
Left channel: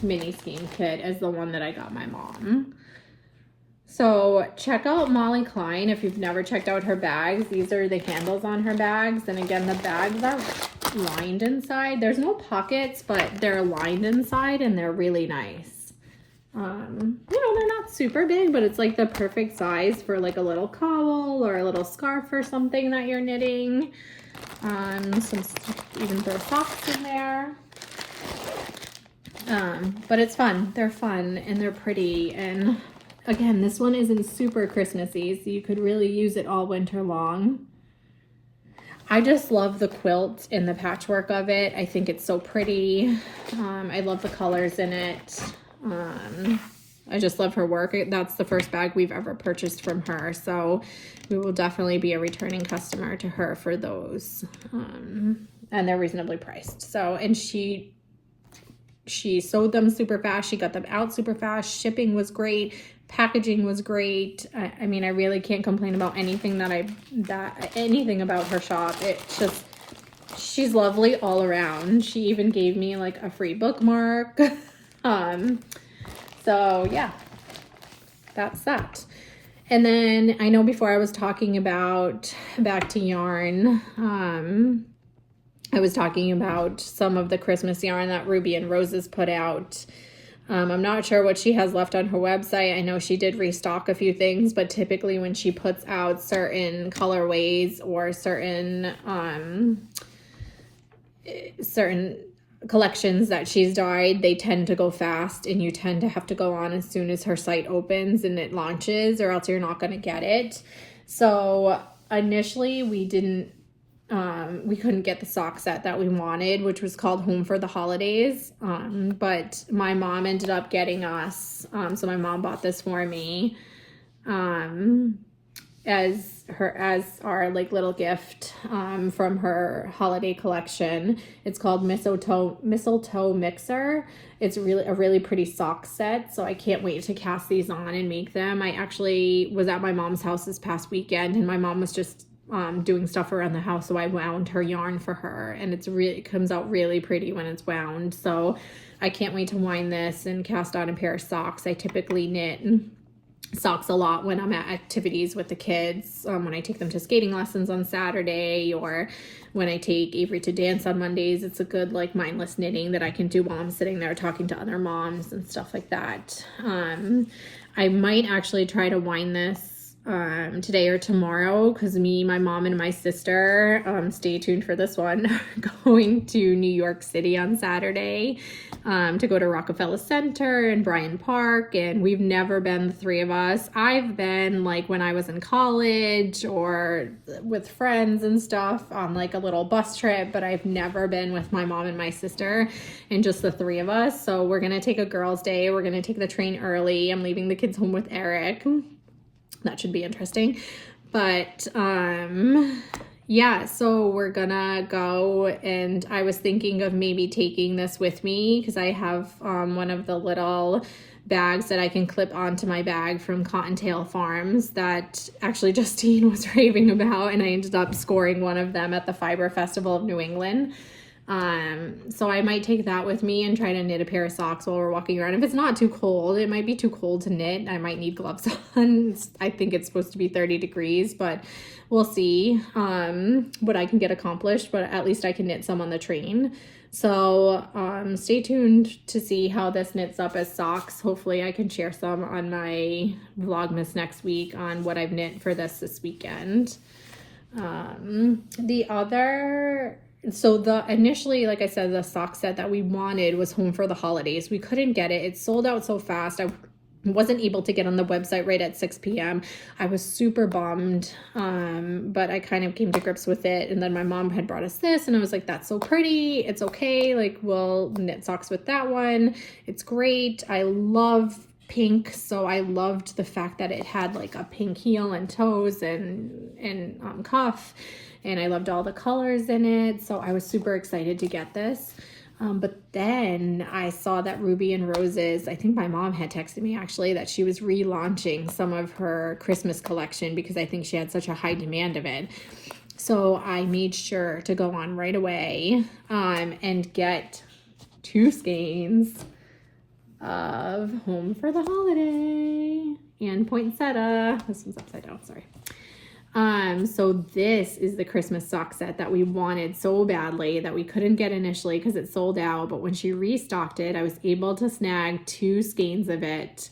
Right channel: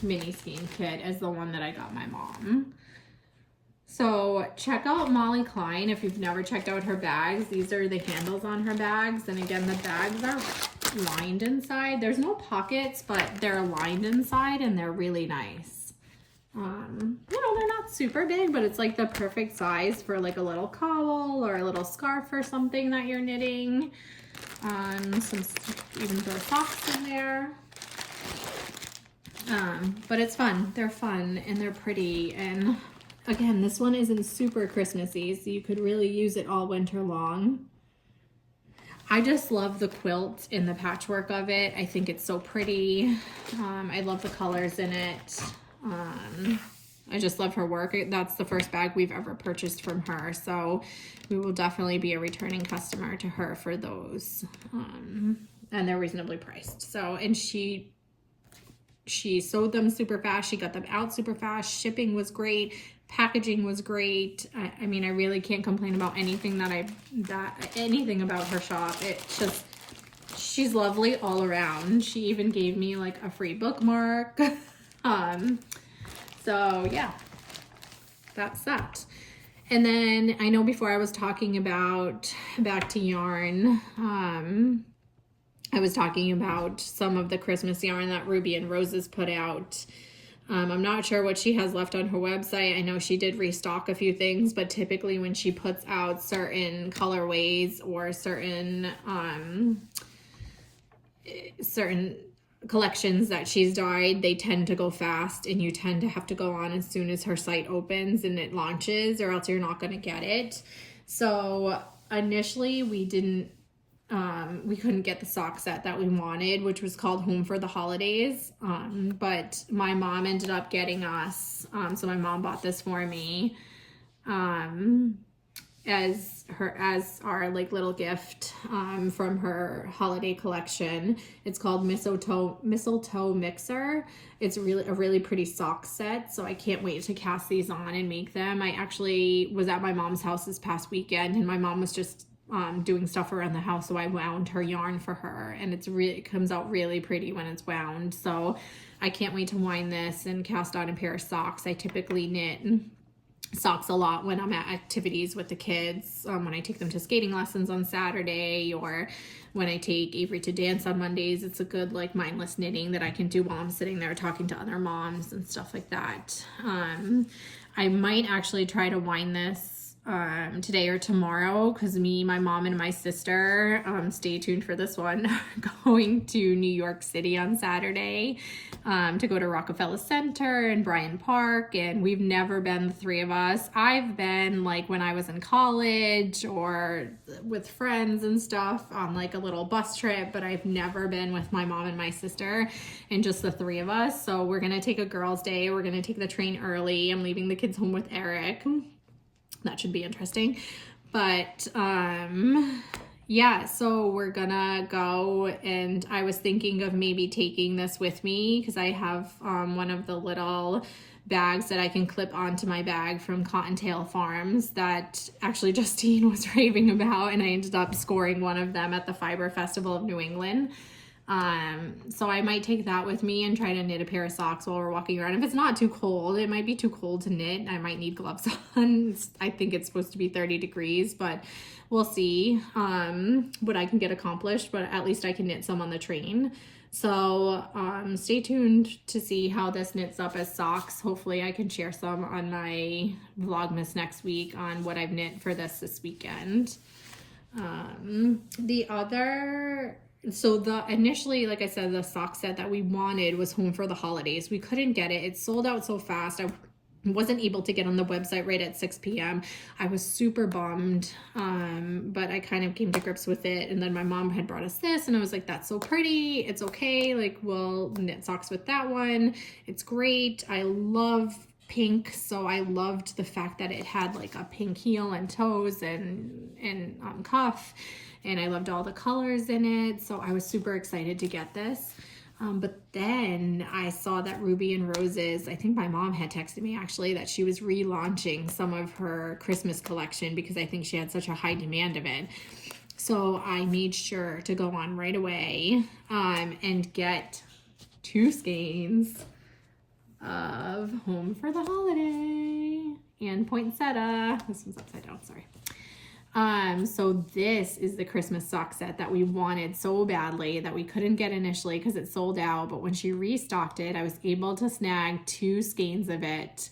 mini skein kit as the one that I got my mom. So check out Molly Klein if you've never checked out her bags. These are the handles on her bags. And again, the bags are lined inside. There's no pockets, but they're lined inside and they're really nice. You know, they're not super big, but it's like the perfect size for like a little cowl or a little scarf or something that you're knitting. Even throw socks in there. But it's fun. They're fun and they're pretty. And again, this one isn't super Christmassy, so you could really use it all winter long. I just love the quilt and the patchwork of it. I think it's so pretty. I love the colors in it. I just love her work. That's the first bag we've ever purchased from her, so we will definitely be a returning customer to her for those. And they're reasonably priced. So, and she sewed them super fast. She got them out super fast. Shipping was great. Packaging was great. I mean, I really can't complain about anything anything about her shop. It's just, she's lovely all around. She even gave me like a free bookmark. So yeah, that's that. And then I know before I was talking about back to yarn, I was talking about some of the Christmas yarn that Ruby and Roses put out. I'm not sure what she has left on her website. I know she did restock a few things, but typically when she puts out certain colorways or certain collections that she's dyed, they tend to go fast and you tend to have to go on as soon as her site opens and it launches, or else you're not going to get it. So initially we couldn't get the sock set that we wanted, which was called Home for the Holidays. But my mom ended up getting us, so my mom bought this for me. as our like little gift from her holiday collection. It's called Mistletoe Mixer. It's really a really pretty sock set, so I can't wait to cast these on and make them. I actually was at my mom's house this past weekend, and my mom was just doing stuff around the house, so I wound her yarn for her, and it comes out really pretty when it's wound. So I can't wait to wind this and cast on a pair of socks. I typically knit socks a lot when I'm at activities with the kids, when I take them to skating lessons on Saturday, or when I take Avery to dance on Mondays. It's a good like mindless knitting that I can do while I'm sitting there talking to other moms and stuff like that. I might actually try to wind this today or tomorrow, because me, my mom, and my sister, stay tuned for this one, are going to New York City on Saturday to go to Rockefeller Center and Bryant Park, and we've never been, the three of us. I've been like when I was in college or with friends and stuff on like a little bus trip, but I've never been with my mom and my sister and just the three of us. So we're gonna take a girls' day. We're gonna take the train early. I'm leaving the kids home with Eric. That should be interesting. But yeah, so we're gonna go, and I was thinking of maybe taking this with me because I have one of the little bags that I can clip onto my bag from Cottontail Farms that actually Justine was raving about, and I ended up scoring one of them at the Fiber Festival of New England. So I might take that with me and try to knit a pair of socks while we're walking around. If it's not too cold, it might be too cold to knit. I might need gloves on. I think it's supposed to be 30 degrees, but we'll see what I can get accomplished, but at least I can knit some on the train. So stay tuned to see how this knits up as socks. Hopefully I can share some on my Vlogmas next week on what I've knit for this weekend. Initially, like I said, the sock set that we wanted was Home for the Holidays. We couldn't get it. It sold out so fast. I wasn't able to get on the website right at 6 p.m. I was super bummed, but I kind of came to grips with it. And then my mom had brought us this, and I was like, that's so pretty. It's okay. Like, we'll knit socks with that one. It's great. I love pink, so I loved the fact that it had like a pink heel and toes and cuff. And I loved all the colors in it, so I was super excited to get this. But then I saw that Ruby and Roses, I think my mom had texted me actually, that she was relaunching some of her Christmas collection because I think she had such a high demand of it. So I made sure to go on right away and get 2 skeins of Home for the Holiday and poinsettia. This one's upside down, sorry. So this is the Christmas sock set that we wanted so badly that we couldn't get initially because it sold out. But when she restocked it, I was able to snag 2 skeins of it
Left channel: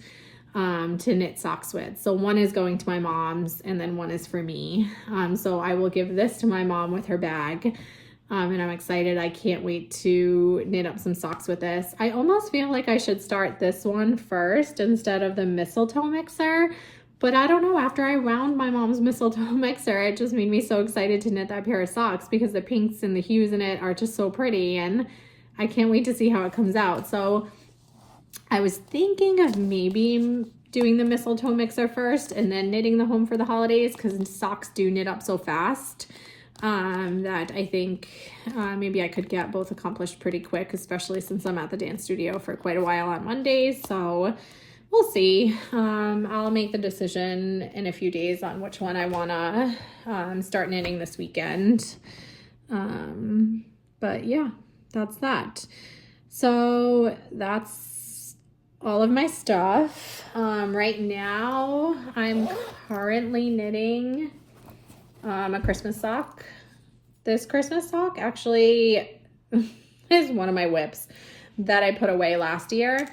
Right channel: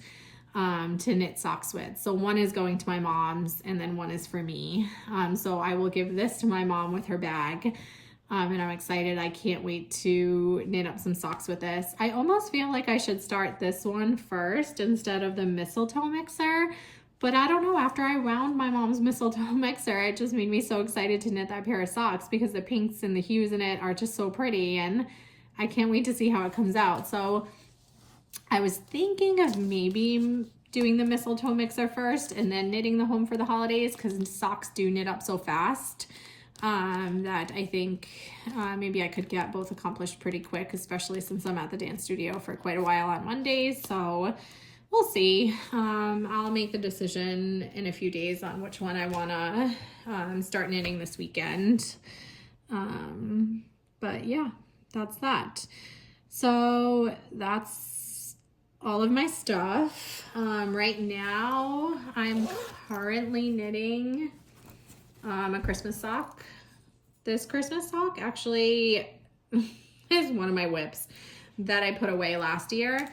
to knit socks with. So one is going to my mom's and then one is for me. So I will give this to my mom with her bag. And I'm excited. I can't wait to knit up some socks with this. I almost feel like I should start this one first instead of the Mistletoe Mixer. But I don't know, after I wound my mom's Mistletoe Mixer, it just made me so excited to knit that pair of socks because the pinks and the hues in it are just so pretty, and I can't wait to see how it comes out. So I was thinking of maybe doing the Mistletoe Mixer first and then knitting the Home for the Holidays, because socks do knit up so fast that I think maybe I could get both accomplished pretty quick, especially since I'm at the dance studio for quite a while on Mondays. So we'll see. I'll make the decision in a few days on which one I want to start knitting this weekend. But yeah, that's that. So that's all of my stuff. Right now, I'm currently knitting a Christmas sock. This Christmas sock actually is one of my WIPS that I put away last year.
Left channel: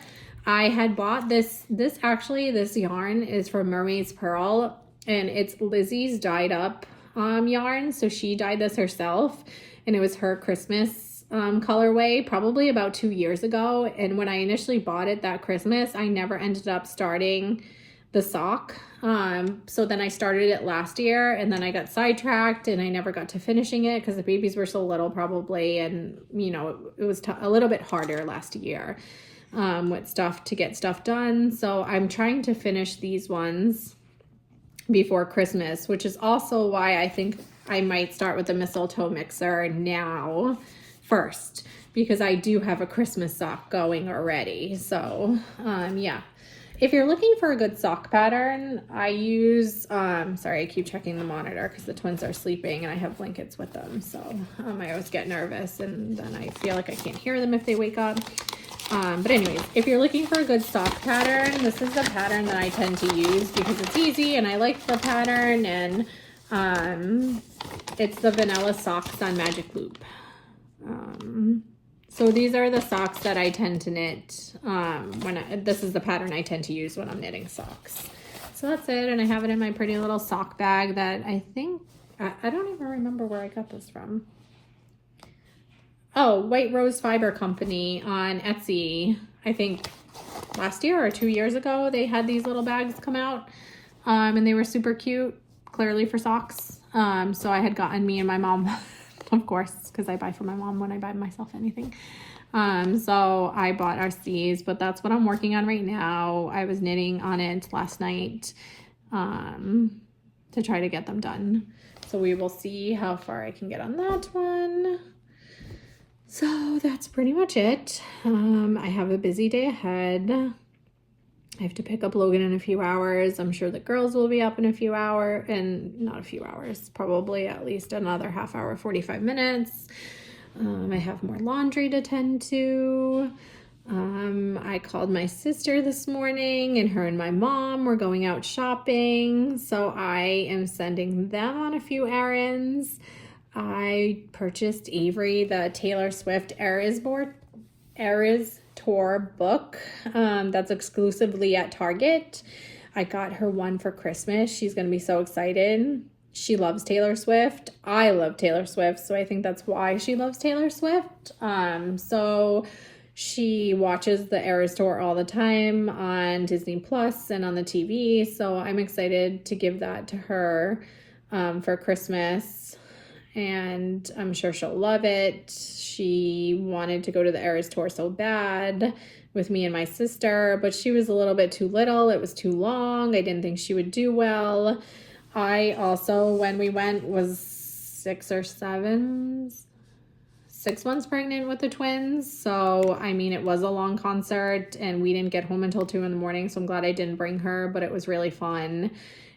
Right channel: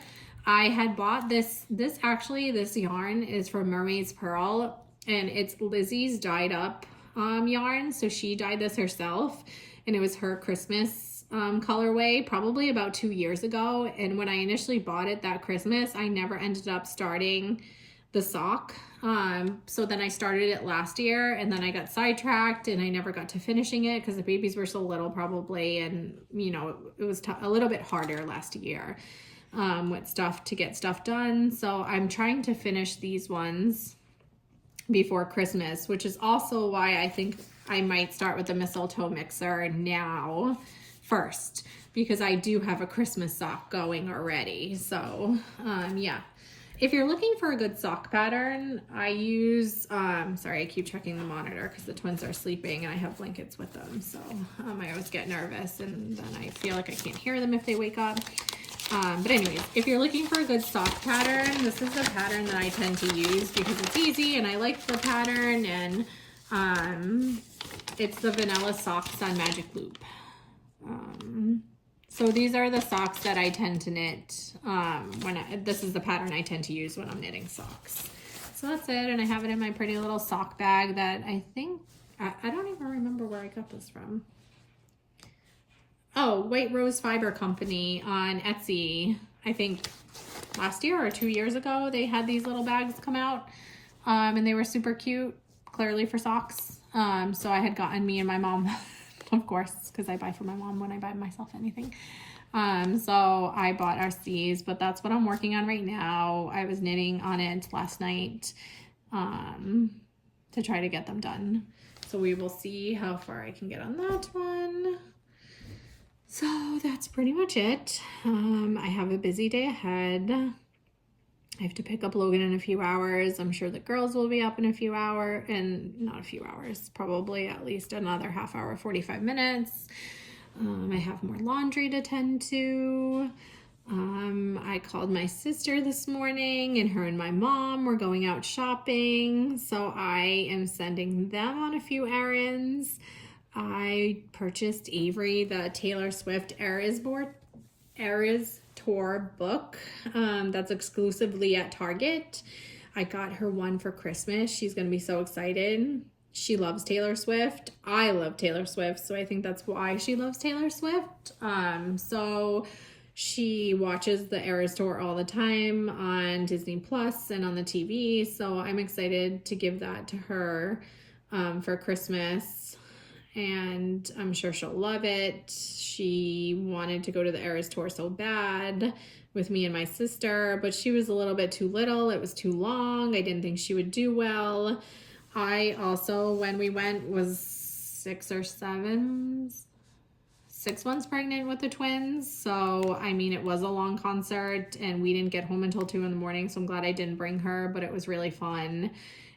I had bought this yarn is from Mermaid's Pearl, and it's Lizzie's dyed up yarn. So she dyed this herself, and it was her Christmas colorway probably about 2 years ago. And when I initially bought it that Christmas, I never ended up starting the sock. So then I started it last year, and then I got sidetracked and I never got to finishing it because the babies were so little probably, and you know, it was a little bit harder last year with stuff to get stuff done. So I'm trying to finish these ones before Christmas, which is also why I think I might start with the mistletoe mixer now first, because I do have a Christmas sock going already. So yeah, if you're looking for a good sock pattern, I use sorry, I keep checking the monitor because the twins are sleeping and I have blankets with them, so I always get nervous and then I feel like I can't hear them if they wake up. But anyways, if you're looking for a good sock pattern, this is the pattern that I tend to use because it's easy and I like the pattern, and it's the vanilla socks on Magic Loop. So these are the socks that I tend to knit this is the pattern I tend to use when I'm knitting socks. So that's it, and I have it in my pretty little sock bag that I think, I don't even remember where I got this from. Oh, White Rose Fiber Company on Etsy. I think last year or 2 years ago, they had these little bags come out, and they were super cute, clearly for socks. So I had gotten me and my mom, of course, because I buy for my mom when I buy myself anything. So I bought us these, but that's what I'm working on right now. I was knitting on it last night to try to get them done. So we will see how far I can get on that one. So that's pretty much it. I have a busy day ahead. I have to pick up Logan in a few hours. I'm sure the girls will be up in a few hours, and not a few hours, probably at least another half hour, 45 minutes. I have more laundry to tend to. I called my sister this morning, and her and my mom were going out shopping. So I am sending them on a few errands. I purchased Avery the Taylor Swift Eras Tour book that's exclusively at Target. I got her one for Christmas. She's going to be so excited. She loves Taylor Swift. I love Taylor Swift, so I think that's why she loves Taylor Swift. So she watches the Eras Tour all the time on Disney Plus and on the TV. So I'm excited to give that to her for Christmas, and I'm sure she'll love it. She wanted to go to the Eras Tour so bad with me and my sister, but she was a little bit too little. It was too long. I didn't think she would do well. I also, when we went, was 6 months pregnant with the twins. So, I mean, it was a long concert and we didn't get home until 2 in the morning. So I'm glad I didn't bring her, but it was really fun.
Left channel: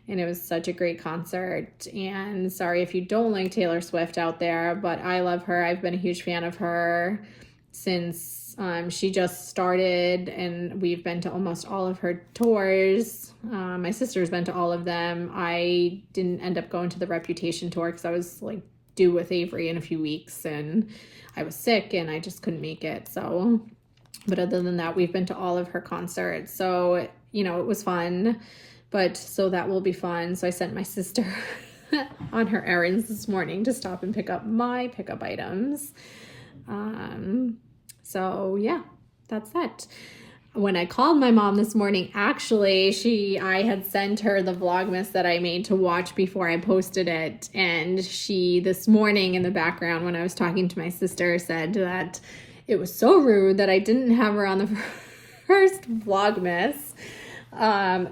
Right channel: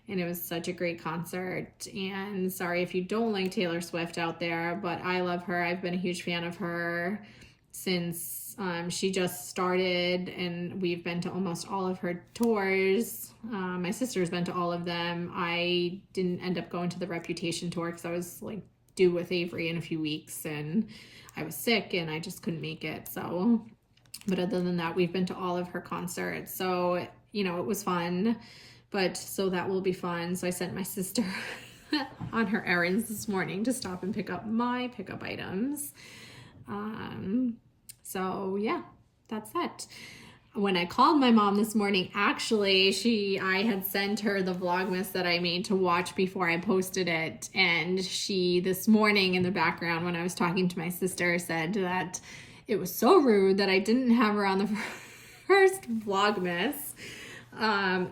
And it was such a great concert. And sorry if you don't like Taylor Swift out there, but I love her. I've been a huge fan of her since she just started, and we've been to almost all of her tours. My sister's been to all of them. I didn't end up going to the Reputation tour because I was like due with Avery in a few weeks and I was sick and I just couldn't make it. So, but other than that, we've been to all of her concerts. So, you know, it was fun. But so that will be fun. So I sent my sister on her errands this morning to stop and pick up my pickup items. So yeah, that's that. When I called my mom this morning, actually, I had sent her the Vlogmas that I made to watch before I posted it. And she, this morning in the background, when I was talking to my sister, said that it was so rude that I didn't have her on the first Vlogmas.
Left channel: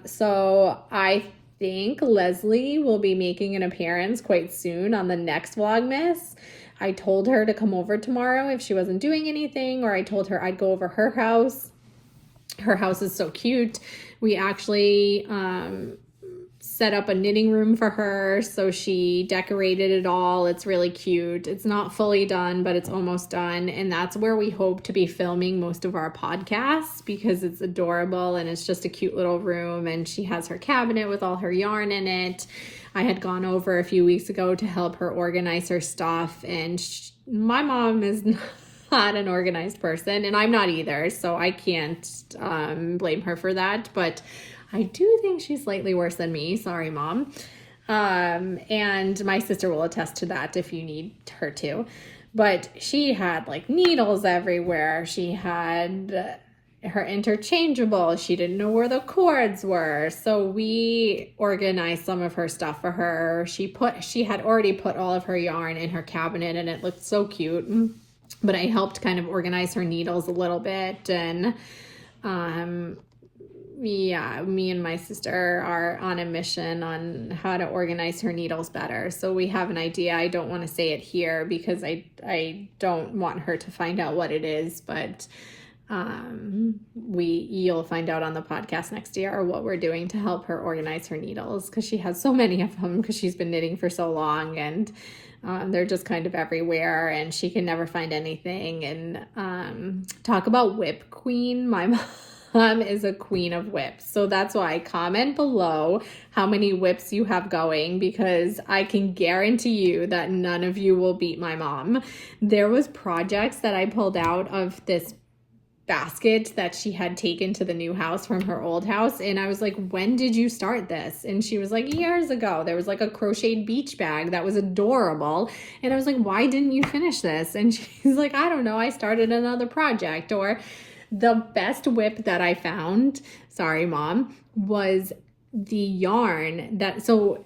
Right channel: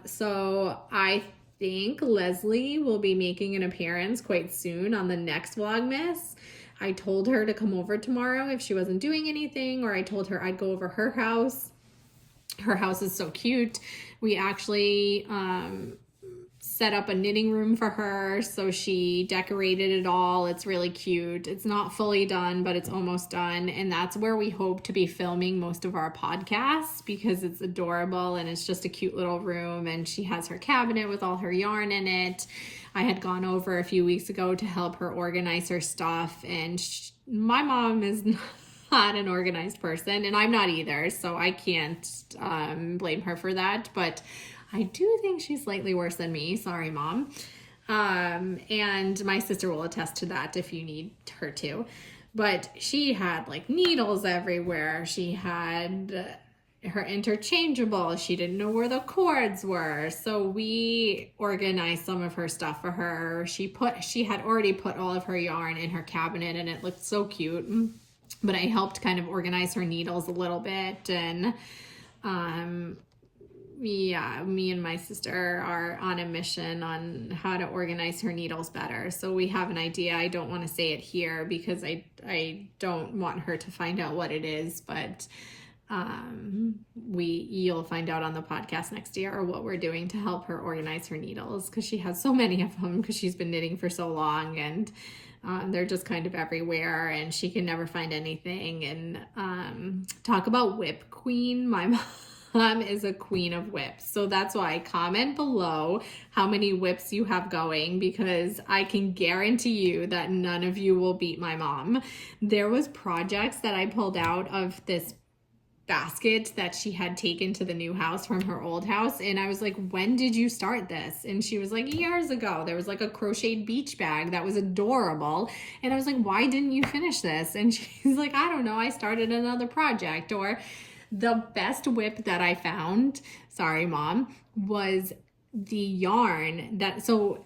So I think Leslie will be making an appearance quite soon on the next Vlogmas. I told her to come over tomorrow if she wasn't doing anything, or I told her I'd go over her house. Her house is so cute. We actually set up a knitting room for her, so she decorated it all. It's really cute. It's not fully done, but it's almost done, and that's where we hope to be filming most of our podcasts because it's adorable and it's just a cute little room, and she has her cabinet with all her yarn in it. I had gone over a few weeks ago to help her organize her stuff, and my mom is not an organized person, and I'm not either, so I can't blame her for that, but I do think she's slightly worse than me. Sorry, Mom. And my sister will attest to that if you need her to. But she had like needles everywhere. She had her interchangeable. She didn't know where the cords were. So we organized some of her stuff for her. She had already put all of her yarn in her cabinet and it looked so cute. But I helped kind of organize her needles a little bit, and yeah, me and my sister are on a mission on how to organize her needles better. So we have an idea. I don't want to say it here because I don't want her to find out what it is, but you'll find out on the podcast next year what we're doing to help her organize her needles, because she has so many of them because she's been knitting for so long, and they're just kind of everywhere and she can never find anything. And talk about whip queen, my mom is a queen of whips. So that's why comment below how many whips you have going, because I can guarantee you that none of you will beat my mom. There was projects that I pulled out of this basket that she had taken to the new house from her old house, and I was like, when did you start this? And she was like, years ago. There was like a crocheted beach bag that was adorable, and I was like, why didn't you finish this? And she's like, I don't know, I started another project. Or the best whip that I found, sorry mom, was the yarn that, so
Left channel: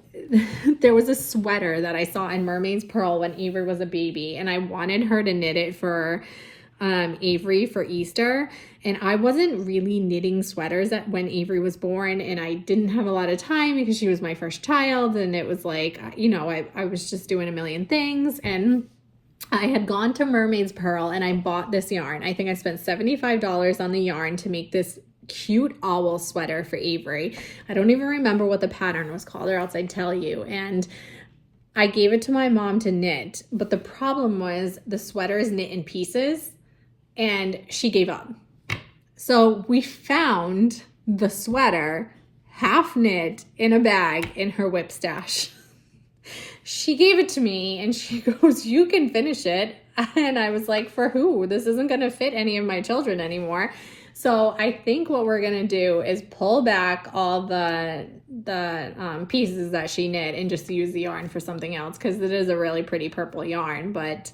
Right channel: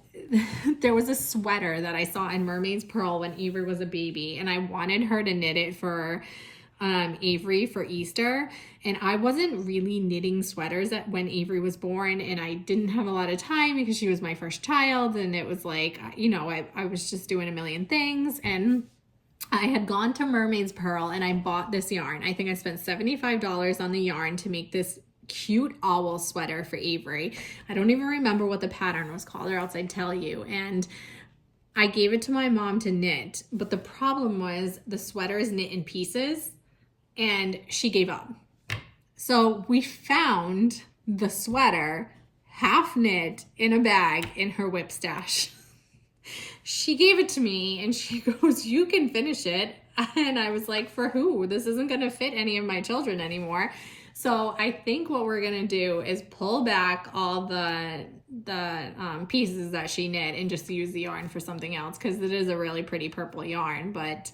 there was a sweater that I saw in Mermaid's Pearl when Avery was a baby, and I wanted her to knit it for Avery for Easter, and I wasn't really knitting sweaters when Avery was born, and I didn't have a lot of time because she was my first child, and it was like, you know, I was just doing a million things. And I had gone to Mermaid's Pearl and I bought this yarn. I think I spent $75 on the yarn to make this cute owl sweater for Avery. I don't even remember what the pattern was called, or else I'd tell you. And I gave it to my mom to knit, but the problem was the sweater is knit in pieces, and she gave up. So we found the sweater half knit in a bag in her whip stash. She gave it to me and she goes, you can finish it. And I was like, for who? This isn't going to fit any of my children anymore. So I think what we're going to do is pull back all the pieces that she knit and just use the yarn for something else, because it is a really pretty purple yarn. But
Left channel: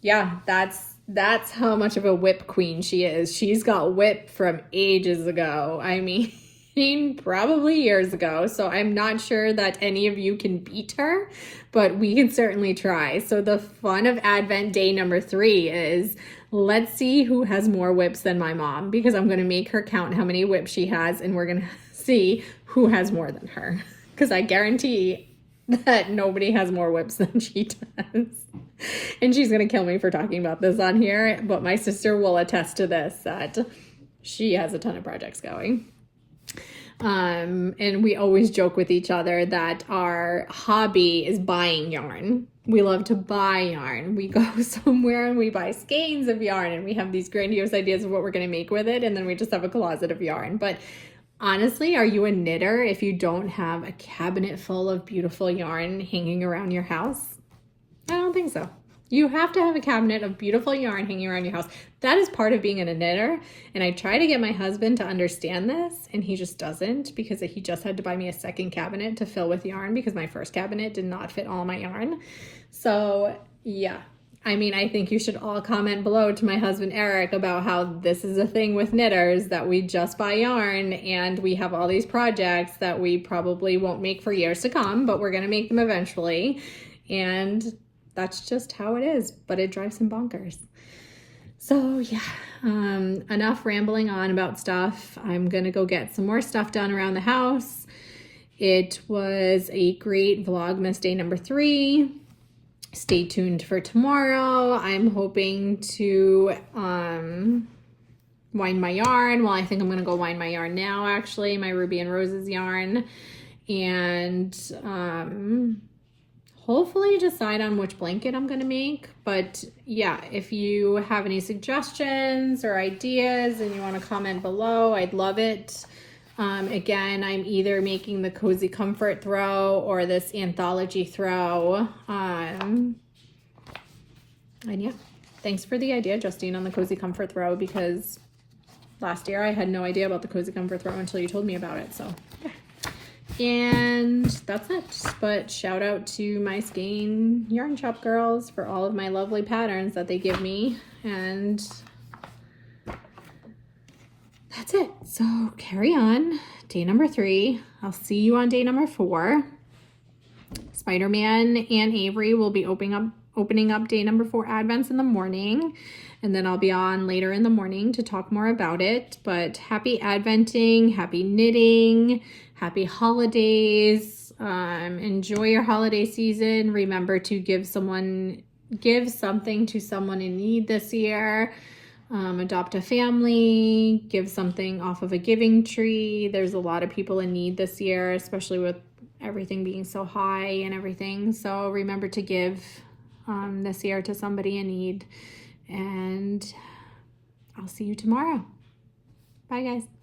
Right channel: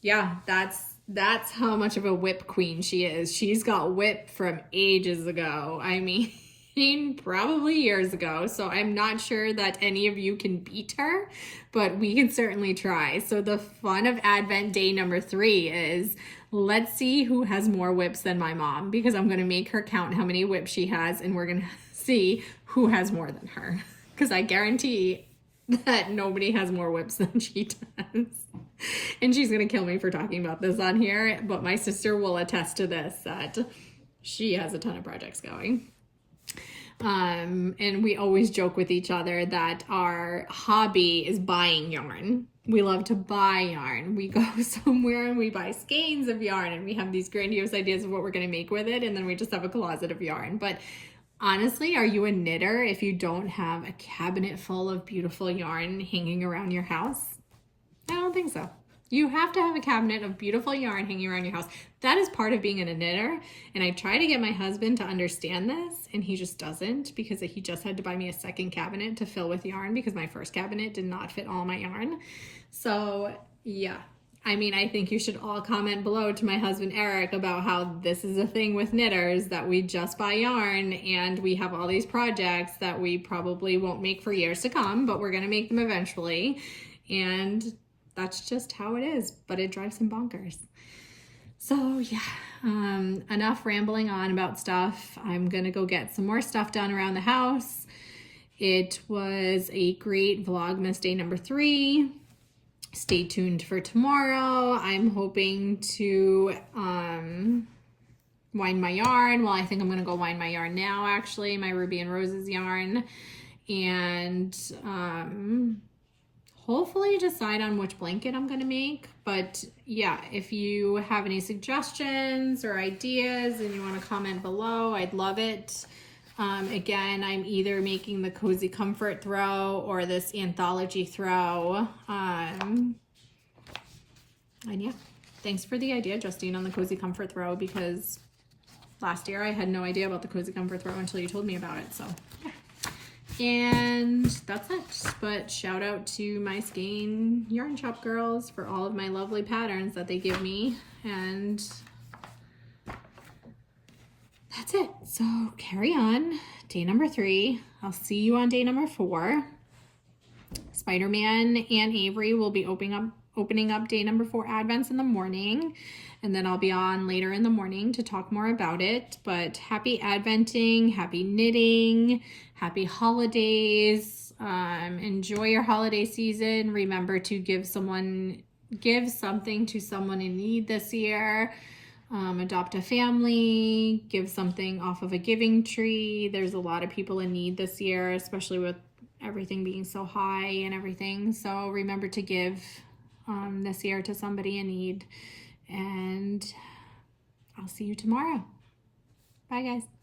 yeah, that's how much of a whip queen she is. She's got whip from ages ago. I mean, probably years ago. So I'm not sure that any of you can beat her, but we can certainly try. So the fun of Advent day number 3 is, let's see who has more whips than my mom, because I'm going to make her count how many whips she has, and we're going to see who has more than her, because I guarantee that nobody has more whips than she does. And she's going to kill me for talking about this on here, but my sister will attest to this, that she has a ton of projects going. And we always joke with each other that our hobby is buying yarn. We love to buy yarn. We go somewhere and we buy skeins of yarn, and we have these grandiose ideas of what we're going to make with it, and then we just have a closet of yarn. But honestly, are you a knitter if you don't have a cabinet full of beautiful yarn hanging around your house? I don't think so. You have to have a cabinet of beautiful yarn hanging around your house. That is part of being a knitter. And I try to get my husband to understand this, and he just doesn't, because he just had to buy me a second cabinet to fill with yarn because my first cabinet did not fit all my yarn. So yeah, I mean, I think you should all comment below to my husband Eric about how this is a thing with knitters, that we just buy yarn and we have all these projects that we probably won't make for years to come, but we're going to make them eventually. And that's just how it is, but it drives him bonkers. So yeah, enough rambling on about stuff. I'm gonna go get some more stuff done around the house. It was a great Vlogmas day number 3. Stay tuned for tomorrow. I'm hoping to wind my yarn. Well, I think I'm gonna go wind my yarn now, actually, my Ruby and Roses yarn. And hopefully decide on which blanket I'm gonna make. But yeah, if you have any suggestions or ideas and you wanna comment below, I'd love it. Again, I'm either making the Cozy Comfort throw or this anthology throw. And yeah, thanks for the idea, Justine, on the Cozy Comfort throw, because last year I had no idea about the Cozy Comfort throw until you told me about it, so yeah. And that's it. But shout out to my Skein Yarn Shop girls for all of my lovely patterns that they give me. And that's it. So carry on. Day number 3. I'll see you on day number 4. Spider-Man and Avery will be opening up day number 4 Advents in the morning. and then I'll be on later in the morning to talk more about it. But happy Adventing, happy knitting, happy holidays. Enjoy your holiday season. Remember to give something to someone in need this year. Adopt a family, give something off of a giving tree. There's a lot of people in need this year, especially with everything being so high and everything. So remember to give this year to somebody in need. And I'll see you tomorrow. Bye, guys.